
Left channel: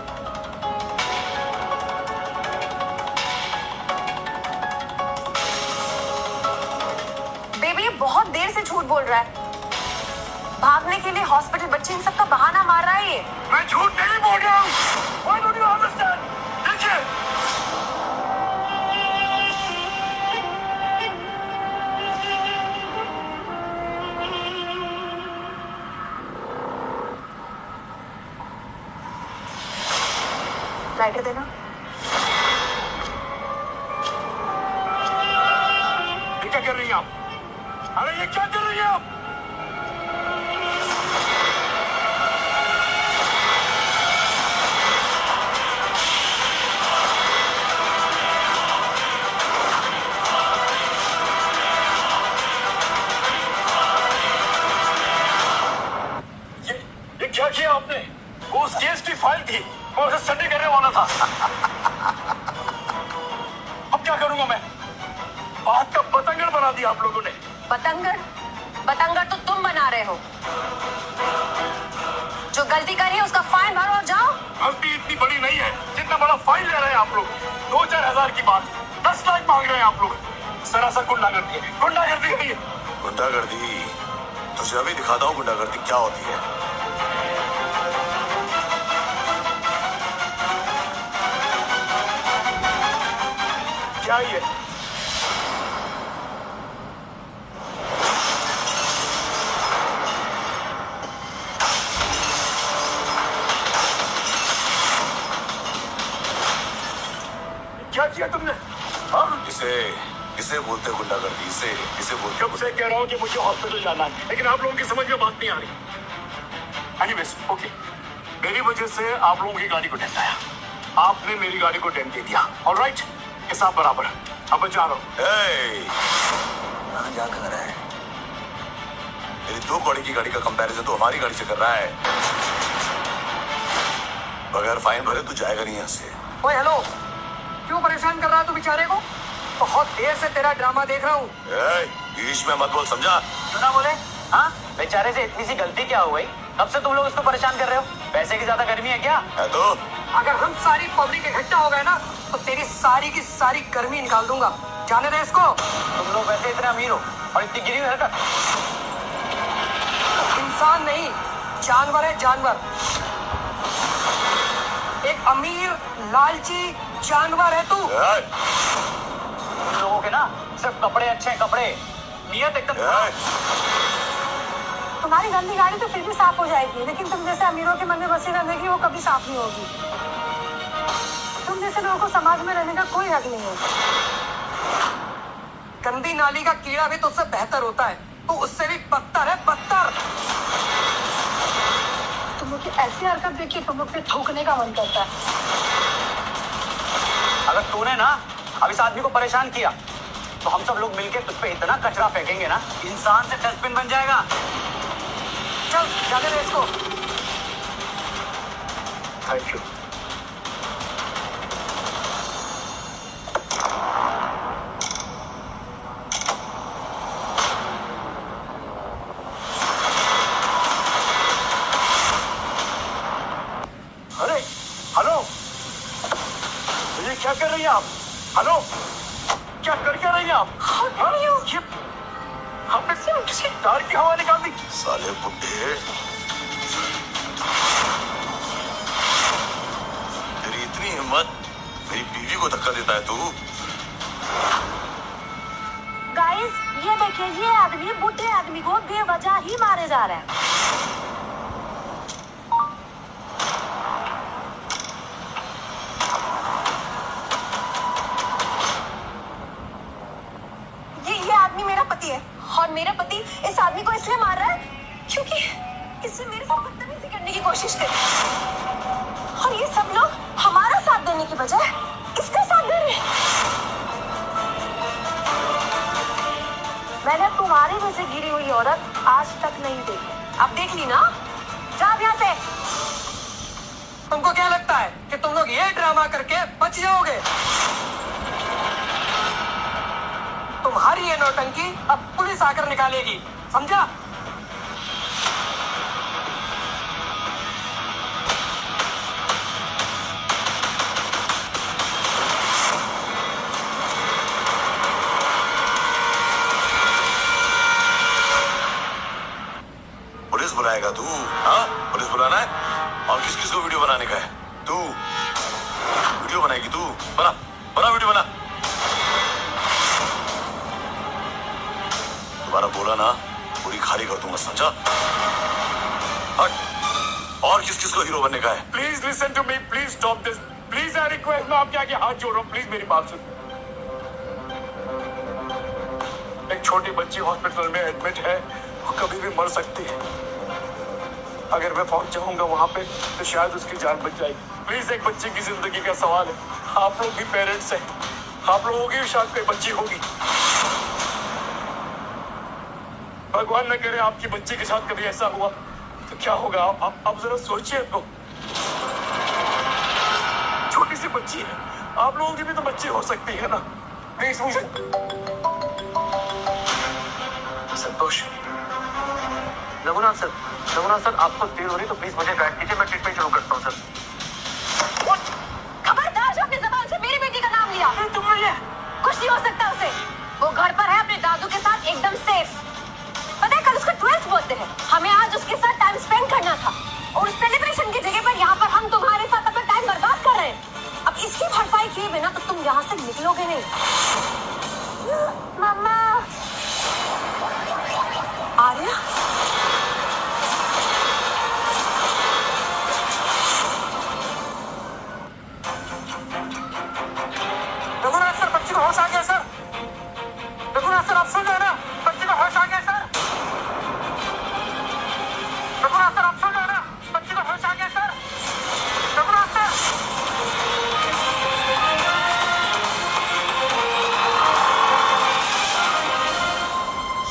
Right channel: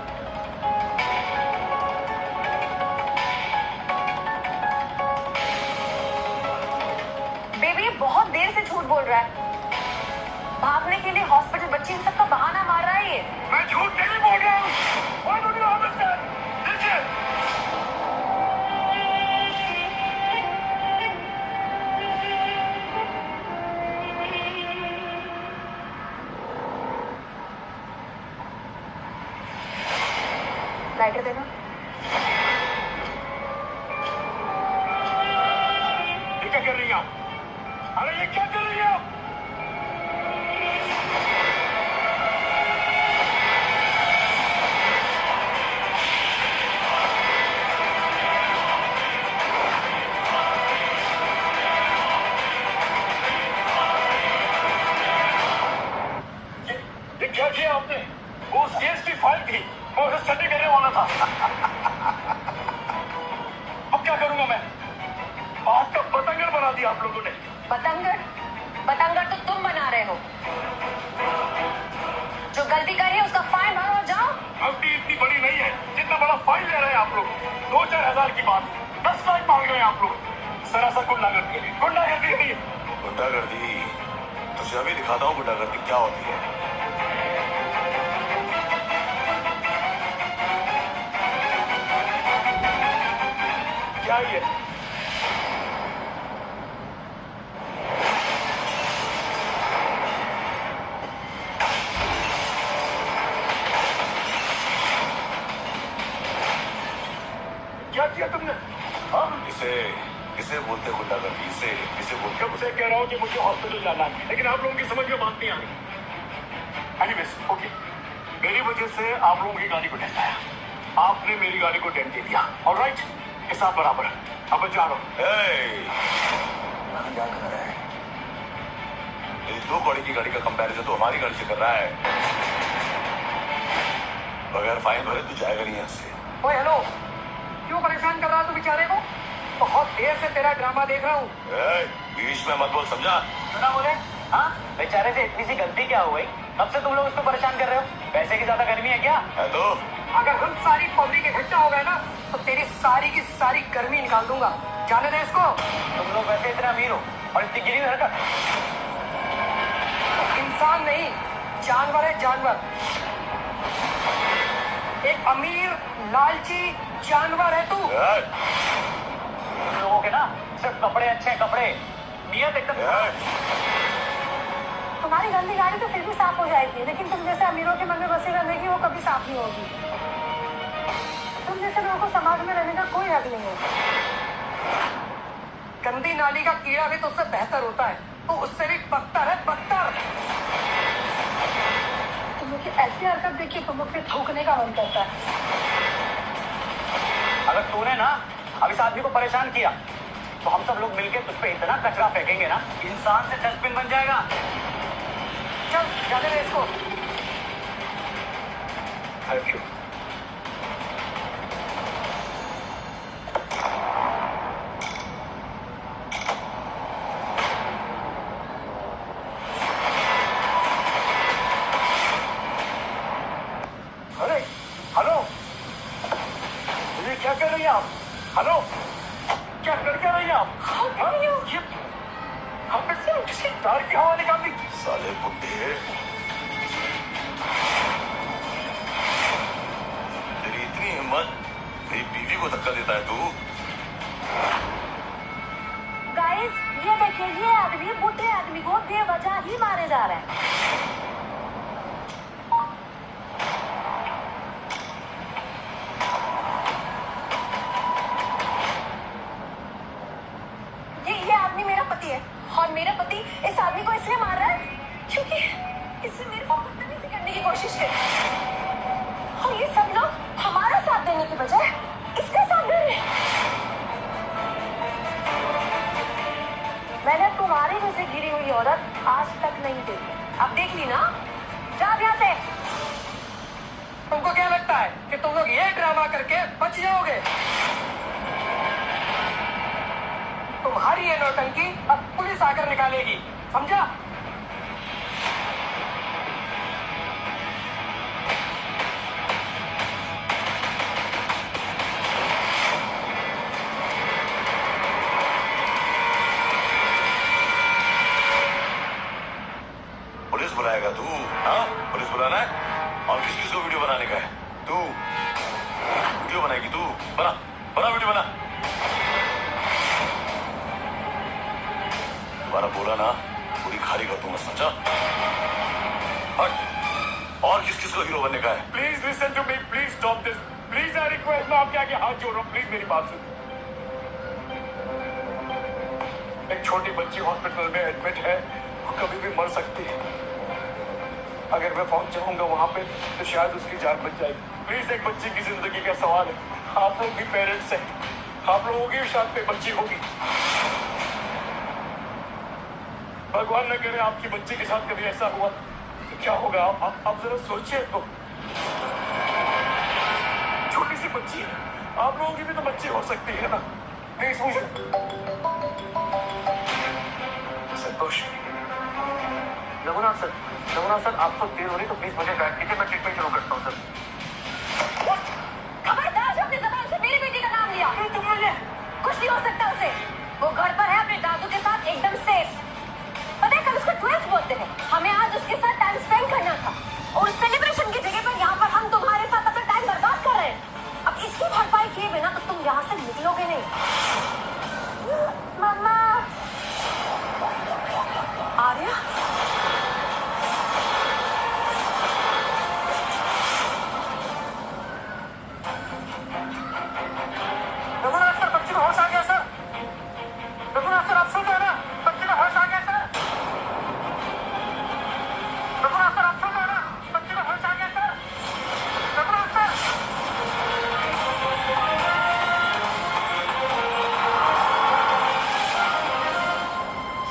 Baby ये बहुत देर से झूठ बोल रहा है। भागने के लिए हॉस्पिटल बच्ची इन सबका बहाना मार रहा है ये। मैं झूठ नहीं बोल रहा हूँ। Why don't you understand? देखिए लाइटर देना। ये क्या कर रही हैं आप? अरे ये क्या कर रही हैं आप? ये क्या किया आपने? वो उस केस की फाइल थी, मैं उसे स्टडी करने वाला था। अब क्या करूंगा मैं? बात का पतंगड़ बना दिया आप लोगों ने। बतंगड़ तो तुम बना रहे हो। जो गलती करी है उसका फाइन भरो और जाओ। गलती इतनी बड़ी नहीं है जितना बड़ा फाइन ले रहे हैं आप लोग। 2-4 हजार की बात 10 लाख मांग रहे हैं आप लोग। सरासर गुंडागर्दी है, गुंडागर्दी है ये। गुंडागर्दी? तुझे अभी दिखाता हूँ गुंडागर्दी क्या होती है। क्या ये? क्या किया तुमने? हाँ? इसे बोलते गुंडागर्दी। इसे बोलते। कब से कह रहा हूँ कि मुझे हॉस्पिटल जाना है, लेकिन आप लोगों की समझ में बात नहीं आ रही। एनीवेज, ओके, मेरी वजह से आप लोगों की गाड़ी को डेंट आया, आपने मेरी गाड़ी को डेंट दे दिया। ऑलराइट, हिसाब बराबर। अब मैं जा रहा हूँ। क्या कर रहा है? मेरी 2 कौड़ी की गाड़ी का कंपैरिजन तो हमारी गाड़ी से कर रहा है। बगैर फाइन भरे तू जाएगा नहीं यहाँ से। ओए हेलो, क्यों परेशान कर रहा है तू बेचारे को? बहुत देर से तेरा ड्रामा देख रहा हूँ। बीच में मत बोल, समझा? ना बोले? हाँ, बेचारे से इतनी सी गलती क्या हो गई? कब से तुम लोग उसको परेशान कर रहे हो? पैसे की ज्यादा गर्मी है क्या? है तो? अगर हम सारी पब्लिक इकट्ठा हो गए ना तो तेरी सारी की सारी गर्मी निकाल दूंगा। जाने दे इसको। तुम लोग वैसे इतने अमीर हो और इतनी गिरी हुई हरकत। इंसान नहीं, जानवर है, जानवर। एक अमीर लालची जानवर है तू। लोगों के ना सिर्फ कपड़े अच्छे हैं, कपड़े, नियत एकदम। तुम्हारी गंदी गाड़ी तो फिर भी साफ हो जाएगी, लेकिन तुम जैसे अमीरों के मन में बसी रहने की वो कभी साफ नहीं होगी। तुम जैसे लोगों को समाज में रहने का कोई हक नहीं है। गंदी नाली का कीड़ा भी तुझसे बेहतर होता है, तो उससे भी बदतर है, बदतर। तुम लोग की ऐसी हरकत देख के तुम लोग पे थूकने का मन करता है। अगर तूने ना अब इस आदमी को परेशान किया तो हम सब लोग मिलके तुझ पे इतना कचरा फेंकेंगे ना, इंसान से डस्टबिन बन जाएगा। चल जाने दे इसको। Thank you. अरे हेलो, ये क्या कर रही हैं आप? हेलो, क्या कर रही हैं आप? ये आपने तार की हवा निकाल दी। साले बुड्ढे, तेरी इतनी हिम्मत, मेरी बीवी को धक्का देता है तू? गाइस, ये देखिए, ये आदमी बुढ़े आदमी को बेवजह ही मारे जा रहा है। ये आदमी मेरा पति है और मेरा पति इस आदमी को इसलिए मार रहा है क्योंकि इसने मेरे साथ बदतमीजी करने की कोशिश की। और ये सब लोग हमारा साथ देने की बजाय इसका साथ दे रहे हैं। मैंने तुम्हारी जैसे गिरी हुई औरत आज तक नहीं देखी। अब देख ली ना, जा यहाँ से। तुमको क्या लगता है कि तुम लोग ये ड्रामा करके बच जाओगे? तुम्हारी ये नौटंकी अब पुलिस आकर निकालेगी, समझा? पुलिस बुलाएगा तू? हाँ, पुलिस बुलाना है? और किस किस को वीडियो बनाने का है? तू वीडियो बनाएगी तू? बना बना वीडियो बना। दोबारा बोला ना, पूरी खाली कर दूंगा, समझा? हट। और किस किस को हीरो बनने का है? Please listen to me, please stop this, please I request, मैं आपके आगे हाथ जोड़ रहा हूँ, प्लीज मेरी बात सुन। एक छोटी बच्ची हॉस्पिटल में एडमिट है, वो कभी भी मर सकती है। अगर मैं पहुंच जाऊंगा वहां पे तो शायद उसकी जान बच जाएगी। प्लीज, एक बच्चे की जिंदगी का सवाल है, आप लोग भी पेरेंट्स हैं, आप लोगों की भी शायद कोई बच्ची होगी। भगवान न करे आपकी बच्ची के साथ कभी ऐसा हुआ तो क्या होगा? आप जरा सोचिए तो। छोटी सी बच्ची है, आप लोगों की भी तो बच्ची हो सकती है ना। प्लीज मुझे संतोष। रघुनाथ सर, आपको देर हो रही तो प्लीज मुझे गाइड कीजिए, मैं ट्रीटमेंट शुरू करता हूँ सर। खबरदार जो अपनी जबान से मेरी बेटी का नाम लिया। कुछ नहीं हो सकता उसे। वो घर पर है अपने दादू के साथ एकदम सेफ। पता है कल उसका 12th बर्थडे है, हमें आज उसके साथ टाइम स्पेंड करना था और सेलिब्रेशन की जगह पर यहाँ पर हम तुम्हारे साथ अपना टाइम बर्बाद कर रहे हैं। अब इसकी भरपाई किए बिना तो तुम यहाँ से निकलोगे नहीं। मम्मा, आर्या, रघुनाथ सर, बच्ची को होश आ गया सर। रघुनाथ सर, आप सुन रहे हैं ना? बच्ची को होश आ गया सर। रघुनाथ सर, आप सुन रहे हैं ना? बच्ची को होश आ गया सर। रघुनाथ सर,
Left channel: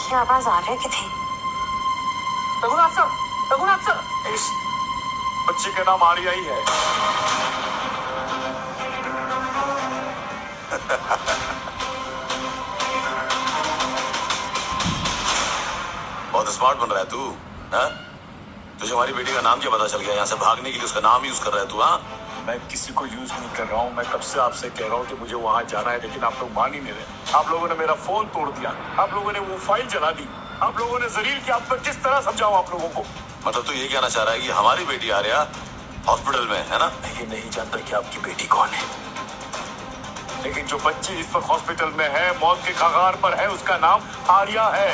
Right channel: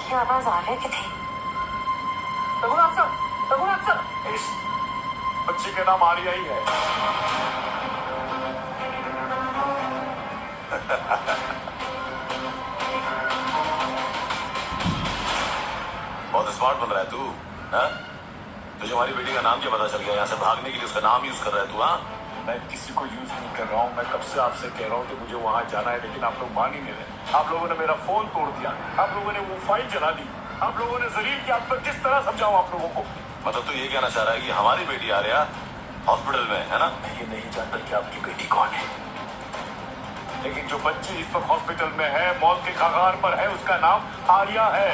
ये आवाज आर्या की थी। रघुनाथ सर, इस बच्ची का नाम आर्या ही है। बहुत स्मार्ट बन रहा है तू, हाँ? तुझे हमारी बेटी का नाम क्या पता चल गया? यहाँ से भागने के लिए उसका नाम यूज कर रहा है तू? हाँ, मैं किसी को यूज नहीं कर रहा हूँ। मैं कब से आपसे कह रहा हूँ कि मुझे वहां जाना है, लेकिन आप लोग मान ही नहीं रहे। आप लोगों ने मेरा फोन तोड़ दिया, आप लोगों ने वो फाइल जला दी, आप लोगों ने जलील किया, आप किस तरह समझाऊं आप लोगों को? मतलब तो ये कहना चाह रहा है कि हमारी बेटी आर्या हॉस्पिटल में है ना? ये नहीं जानता कि आपकी बेटी कौन है, लेकिन जो बच्ची इस वक्त हॉस्पिटल में है, मौत के कगार पर है, उसका नाम आर्या है।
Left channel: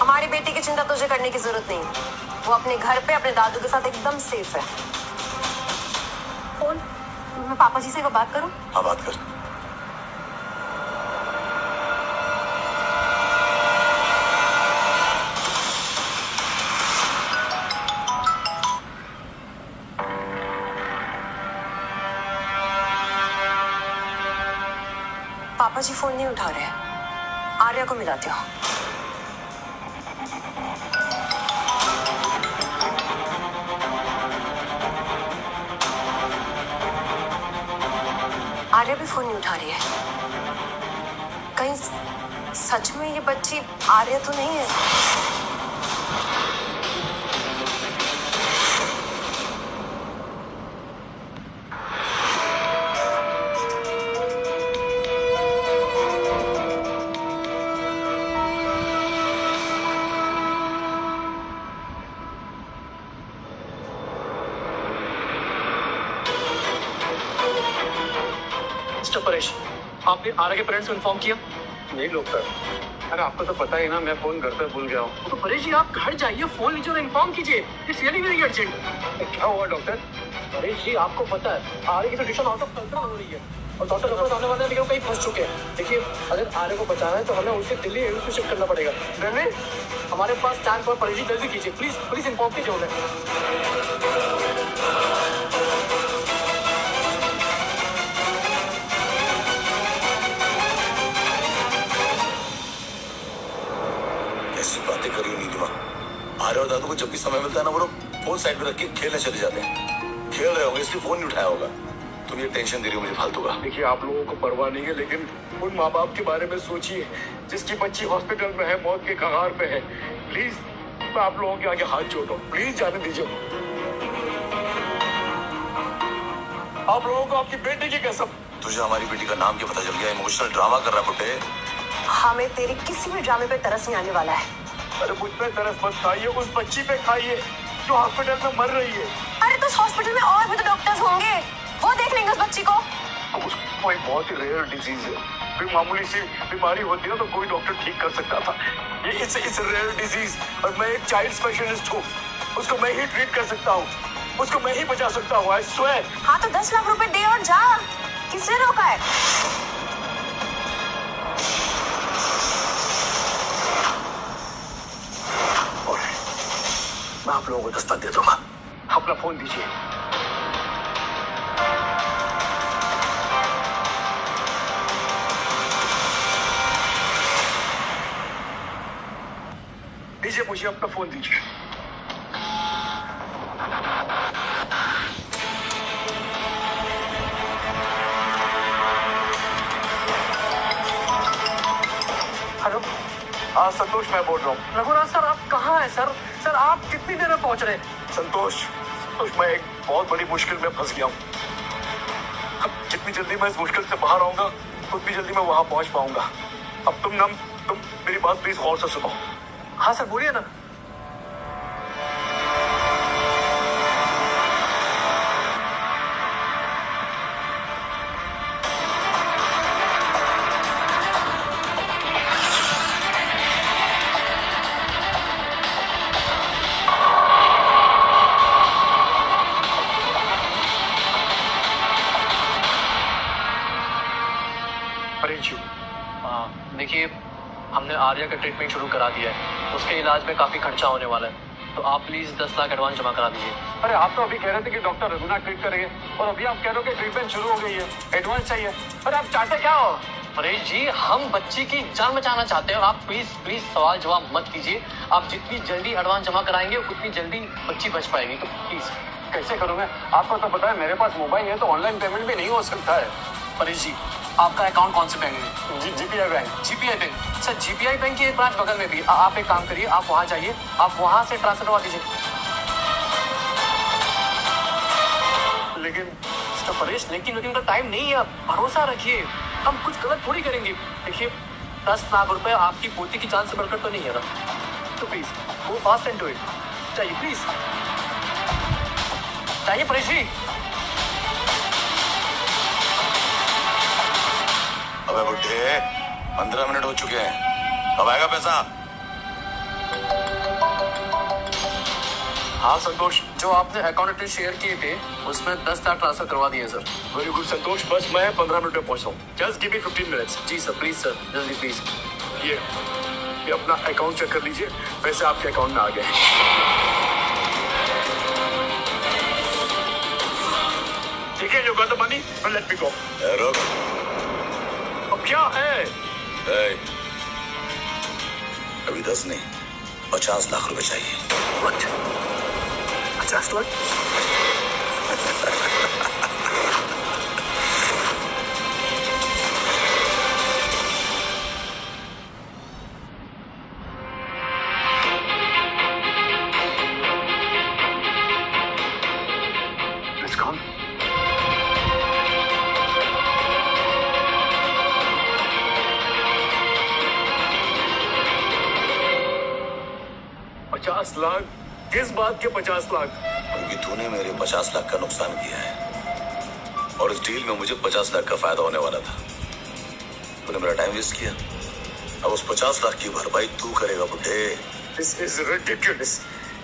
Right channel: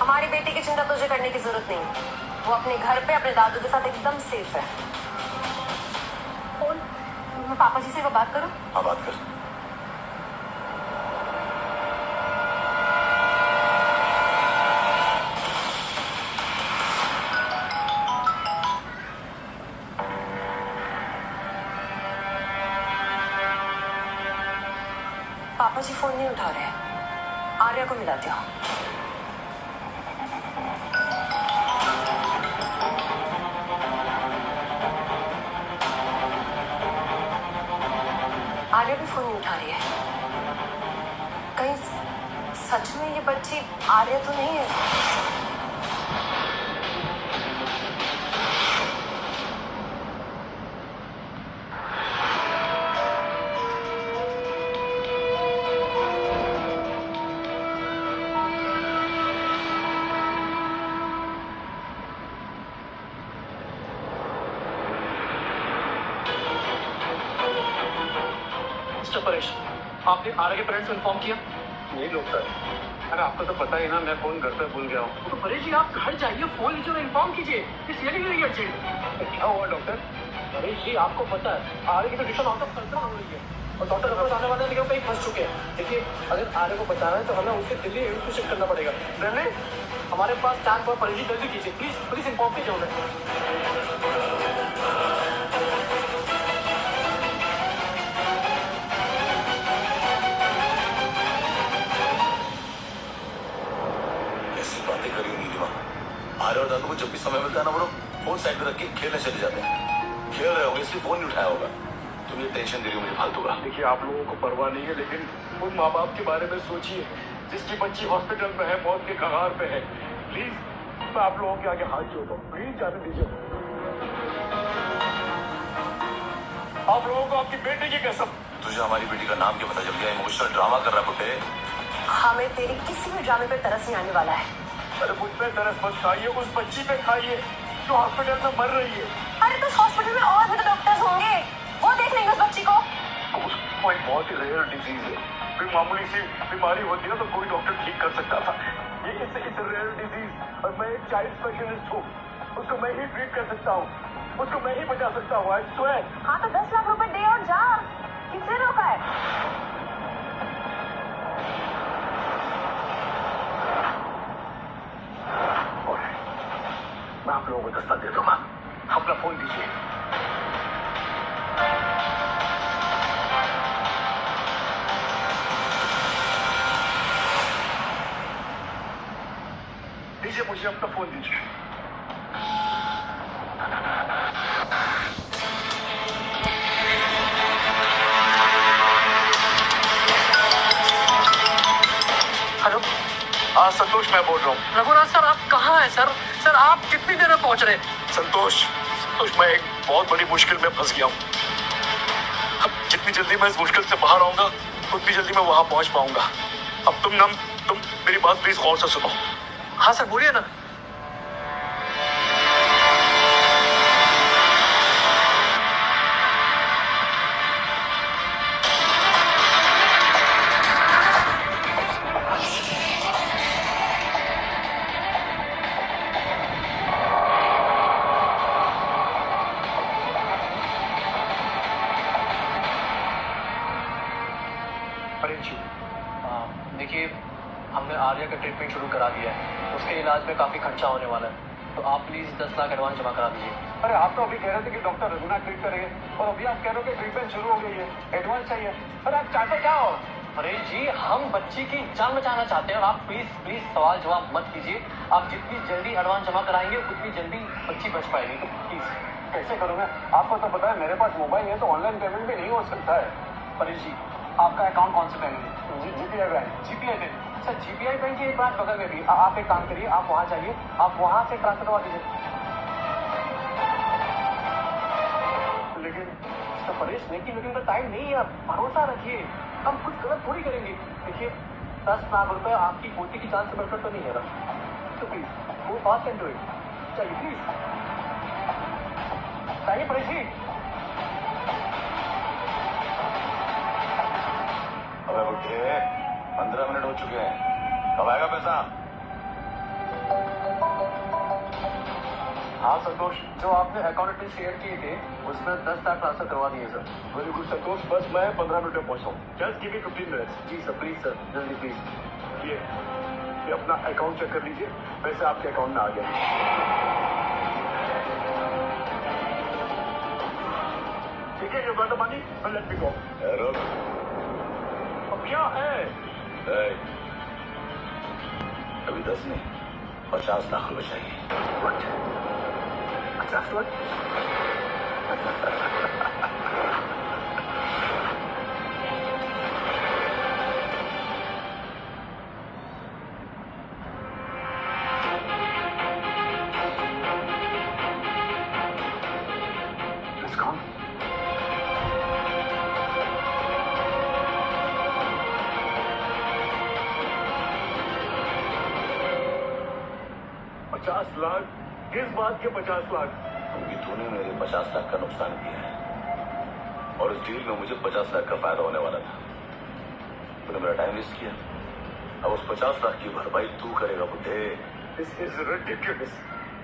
हमारी बेटी की चिंता तुझे करने की जरूरत नहीं, वो अपने घर पे अपने दादू के साथ एकदम सेफ है। फोन, मैं पापा जी से एक बात करूं? हाँ बात कर। पापा जी फोन नहीं उठा रहे हैं, आर्या को मिलाते हो। आर्या भी फोन नहीं उठा रही है। कहीं सच में ये बच्ची आर्या तो नहीं है? मिस्टर परेश, आपने आर्या के पेरेंट्स को इन्फॉर्म किया? नहीं डॉक्टर, अरे आपको तो पता ही ना, मैं फोन घर पे भूल गया हूँ। तो परेश जी आप घर जाइए, फोन लीजिए और इन्फॉर्म कीजिए। It's really very urgent. क्या हुआ डॉक्टर? परेश जी आपको पता है आर्या की कंडीशन आउट ऑफ कंट्रोल हो रही है और डॉक्टर रिपोर्ट आने वाले हैं, लेकिन कहीं फंस चुके हैं। देखिए अगर आर्या को बचाना है तो हमें उसे दिल्ली एम्स में शिफ्ट करना पड़ेगा। ब्रह्मे, हमारे पास चांस पर परेश जी, जल्दी कीजिए प्लीज, प्लीज इन्फॉर्म कीजिए उन्हें। ऐसी बातें कर रही नीलिमा। आर्या और दादू को जब भी समय मिलता है ना, वो लोग फोन साइड में रख के खेलने चले जाते हैं। खेल रहे होंगे इसलिए फोन नहीं उठाया होगा। तुम ये टेंशन दे रही हो मुझे फालतू का। देखिए आप लोगों को परवाह नहीं है, लेकिन उन माँ बाप के बारे में सोचिए जिसकी बच्ची हॉस्पिटल में है, मौत के कगार पे है। प्लीज मैं आप लोगों के आगे हाथ जोड़ रहा हूँ, प्लीज जाने दीजिए। आप लोगों को आपकी बेटी की कसम। तुझे हमारी बेटी का नाम क्या पता चल गया? इमोशनल ड्रामा कर रहा बुड्ढे। हमें तेरे किसी भी ड्रामे पे तरस नहीं आने वाला है। अरे मुझ पे तरस मत खाइए, उस बच्ची पे खाइए जो हॉस्पिटल में मर रही है। अरे तो हॉस्पिटल में और भी तो डॉक्टर्स होंगे, वो देख लेंगे उस बच्ची को। उसको एक बहुत ही रेयर डिजीज है, कोई मामूली सी बीमारी होती है तो कोई डॉक्टर ठीक कर सकता था। ये इट्स रेयर डिजीज और मैं एक चाइल्ड स्पेशलिस्ट हूँ, उसको मैं ही ट्रीट कर सकता हूँ, उसको मैं ही बचा सकता हूँ। I swear. हाँ तो 10 लाख रुपए दे और जा, किसने रोका है? मैं आप लोगों को दस्ता दे दूंगा। अपना फोन दीजिए। दीजिए मुझे अपना फोन दीजिए। हेलो संतोष मैं बोल रहा हूँ। रघुनाथ सर, आप कहाँ हैं सर? सर आप कितनी देर में पहुंच रहे हैं? संतोष मैं एक बहुत बड़ी मुश्किल में फंस गया हूँ। अब जितनी जल्दी मैं इस मुश्किल से बाहर आऊंगा उतनी जल्दी मैं वहां पहुंच पाऊंगा। अब तुम मेरी बात प्लीज गौर से सुनो। हाँ सर बोलिए ना। देखिए हमने आर्या का ट्रीटमेंट शुरू करा दिया है, उसके इलाज में काफ़ी खर्चा होने वाला है, तो आप प्लीज़ 10 लाख एडवांस जमा करा दीजिए। अरे आप तो अभी कह रहे थे कि डॉक्टर रघुनाथ ट्रीट करेंगे और अभी आप कह रहे हो कि ट्रीटमेंट शुरू हो गई है, एडवांस चाहिए। अरे आप चाहते क्या हो? परेश जी हम बच्ची की जान बचाना चाहते हैं और आप प्लीज सवाल जवाब मत कीजिए। आप जितनी जल्दी एडवांस जमा कराएंगे उतनी जल्दी बच्ची बच पाएगी, तो प्लीज। कैसे करूँगा? आपको तो पता है मेरे पास मोबाइल है तो ऑनलाइन पेमेंट भी नहीं हो सकता है। परेश जी आपका अकाउंट कौन से बैंक में? GPI bank. GPI bank? Sir GPI bank की एक ब्रांच बगल में भी। आप एक काम करिए, आप वहाँ जाइए, आप वहाँ से ट्रांसफर करवा दीजिए। लेकिन मिस्टर परेश, लेकिन का टाइम नहीं है, भरोसा रखिए, हम कुछ गलत थोड़ी करेंगे। देखिए 10 लाख रुपए आपकी पोती की जान से बढ़कर तो नहीं है ना? तो please go fast and do it. चाहिए प्लीज, चाहिए परेश जी। अबे बुड्ढे, 15 मिनट हो चुके हैं, कब आएगा पैसा? हाँ संतोष, जो आपने अकाउंट डिटेल शेयर किए थे उसमें 10 लाख ट्रांसफर करवा दिए सर। वेरी गुड संतोष, बस मैं 15 मिनट में पहुंचता हूँ। Just give me 15 minutes. जी सर, प्लीज सर, जल्दी प्लीज। ये अपना अकाउंट चेक कर लीजिए, पैसे आपके अकाउंट में आ गए। ठीक है, you got the money, let me go. रुक, अब क्या है? ए, अभी 10 नहीं, 50 लाख रुपए चाहिए। What? 50 lakh? It's gone. $50 lakh? किस बात के 50 लाख? क्योंकि तूने मेरे 50 लाख का नुकसान किया है और इस डील में मुझे 50 लाख का फायदा होने वाला था। तूने मेरा टाइम वेस्ट किया, अब उस 50 लाख की भरपाई तू करेगा बुड्ढे। This is ridiculous.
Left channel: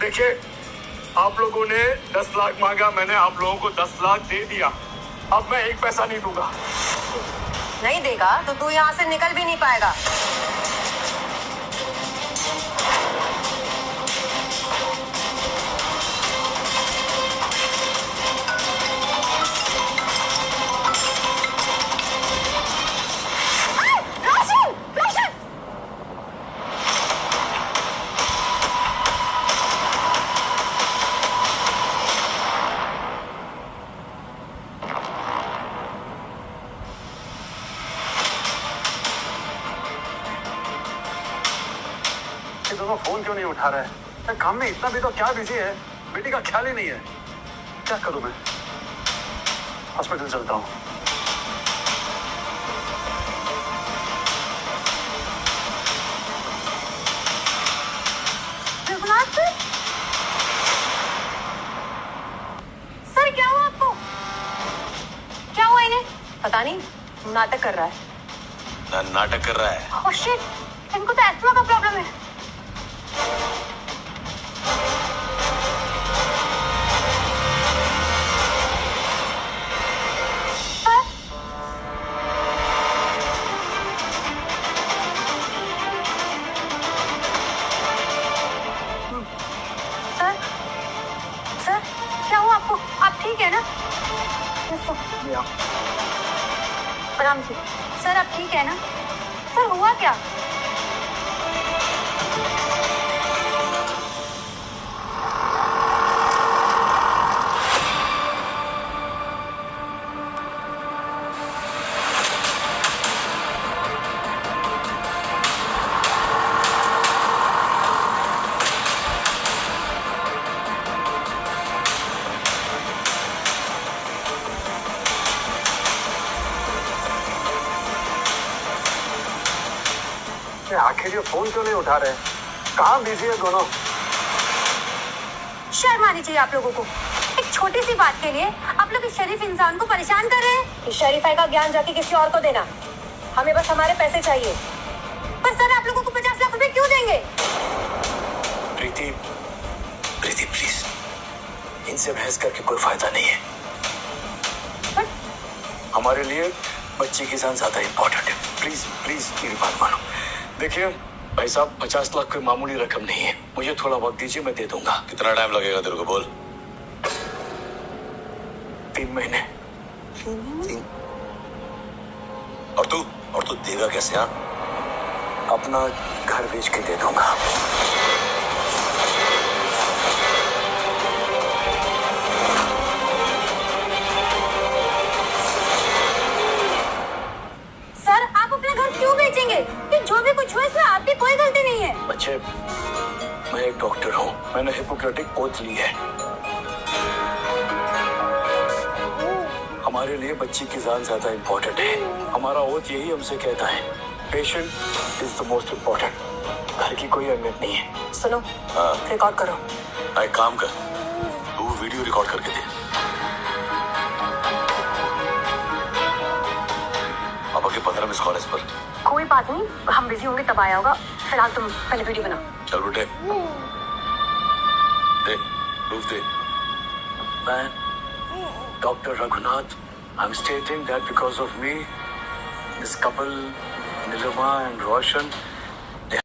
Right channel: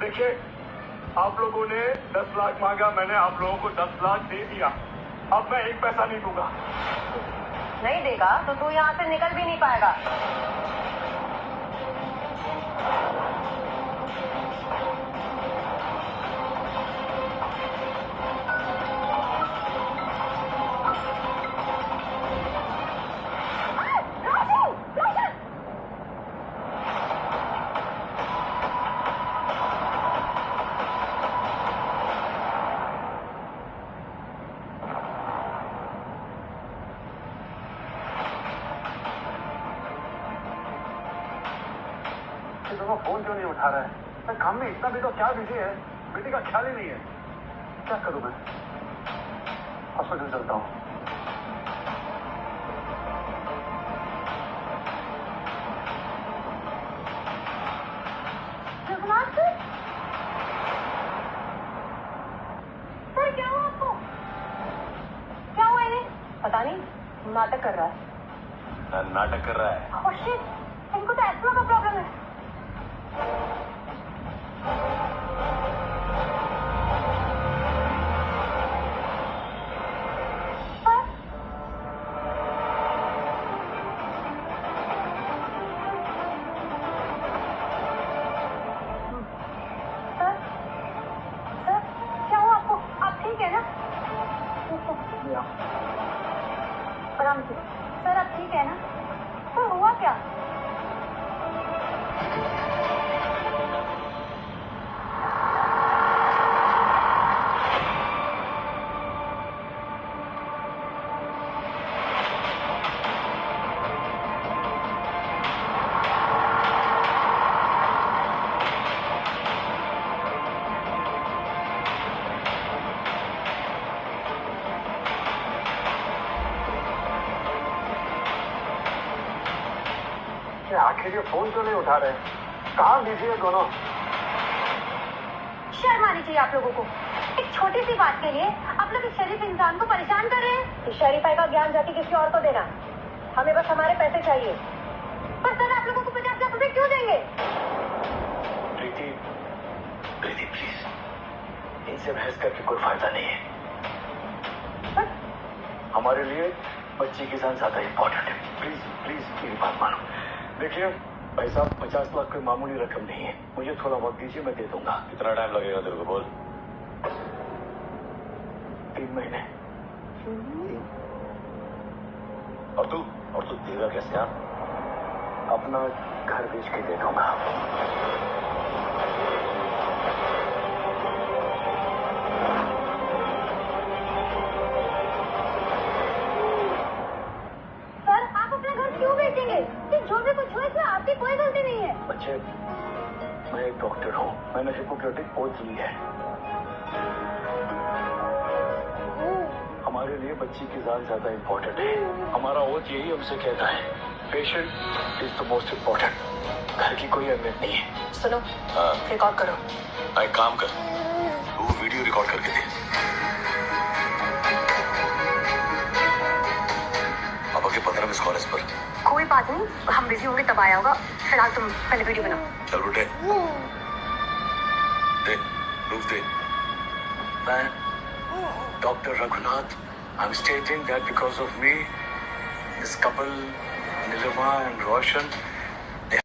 देखिए, आप लोगों ने 10 लाख मांगा, मैंने आप लोगों को 10 लाख दे दिया। अब मैं एक पैसा नहीं दूंगा। नहीं देगा तो तू यहाँ से निकल भी नहीं पाएगा। ये दोनों फोन क्यों नहीं उठा रहे हैं? काम में इतना भी तो क्या बिजी है, बेटी का ख्याल ही नहीं है। क्या करूं मैं? हॉस्पिटल चलता हूँ। रघुनाथ सर, क्या हुआ आपको? क्या हुआ इन्हें? पता नहीं, नाटक कर रहा है। नाटक कर रहा है। ओह शिट, इनको तो एस्थमा का प्रॉब्लम है। सर, सर, क्या हुआ आपको? आप ठीक है ना? आराम से। सर, आप ठीक है ना? सर, हुआ क्या? आखिर ये फोन क्यों नहीं उठा रहे? कहाँ बिजी है दोनों? शर्म आनी चाहिए आप लोगों को। एक छोटी सी बात के लिए आप लोग इस शरीफ इंसान को परेशान कर रहे हैं। इस शरीफाई का ज्ञान जाके किसी और को देना। हमें बस हमारे पैसे चाहिए। पर सर, आप लोगों को 50 लाख रुपए क्यों देंगे? प्रीति, प्रीति प्लीज, इनसे बहस करके कोई फायदा नहीं है। हमारे लिए बच्ची की जान ज्यादा इम्पोर्टेंट है। प्लीज प्लीज मेरी बात मानो। देखिए भाई साहब, 50 लाख कोई मामूली रकम नहीं है। मुझे थोड़ा बहुत दीजिए, मैं दे दूंगा। कितना टाइम लगेगा तेरे को बोल? 3 महीने। और तू देगा कैसे? हाँ, अपना घर बेच के दे दूंगा। सर, आप अपना घर क्यों बेचेंगे? कि जो भी कुछ हुआ इसमें आपकी कोई गलती नहीं है। बच्चे, मैं एक डॉक्टर हूँ, मैंने हिपोक्रेटिक ओथ ली है। हमारे लिए बच्ची की जान ज्यादा इम्पोर्टेंट है। हमारा ओथ यही हमसे कहता है patient is the most important. घर की कोई अहमियत नहीं है। सुनो, हाँ रिकॉर्ड करो। एक काम कर, तू वीडियो रिकॉर्ड करके दे। पापा के 15 मिस कॉल इस पर। कोई बात नहीं, हम बिजी होंगे तब आया होगा। फिलहाल तुम पहले वीडियो बनाओ। चल बेटे, दे प्रूफ दे। मैं doctor Raghunath, I am stating that because of me this couple Nilima and Roshan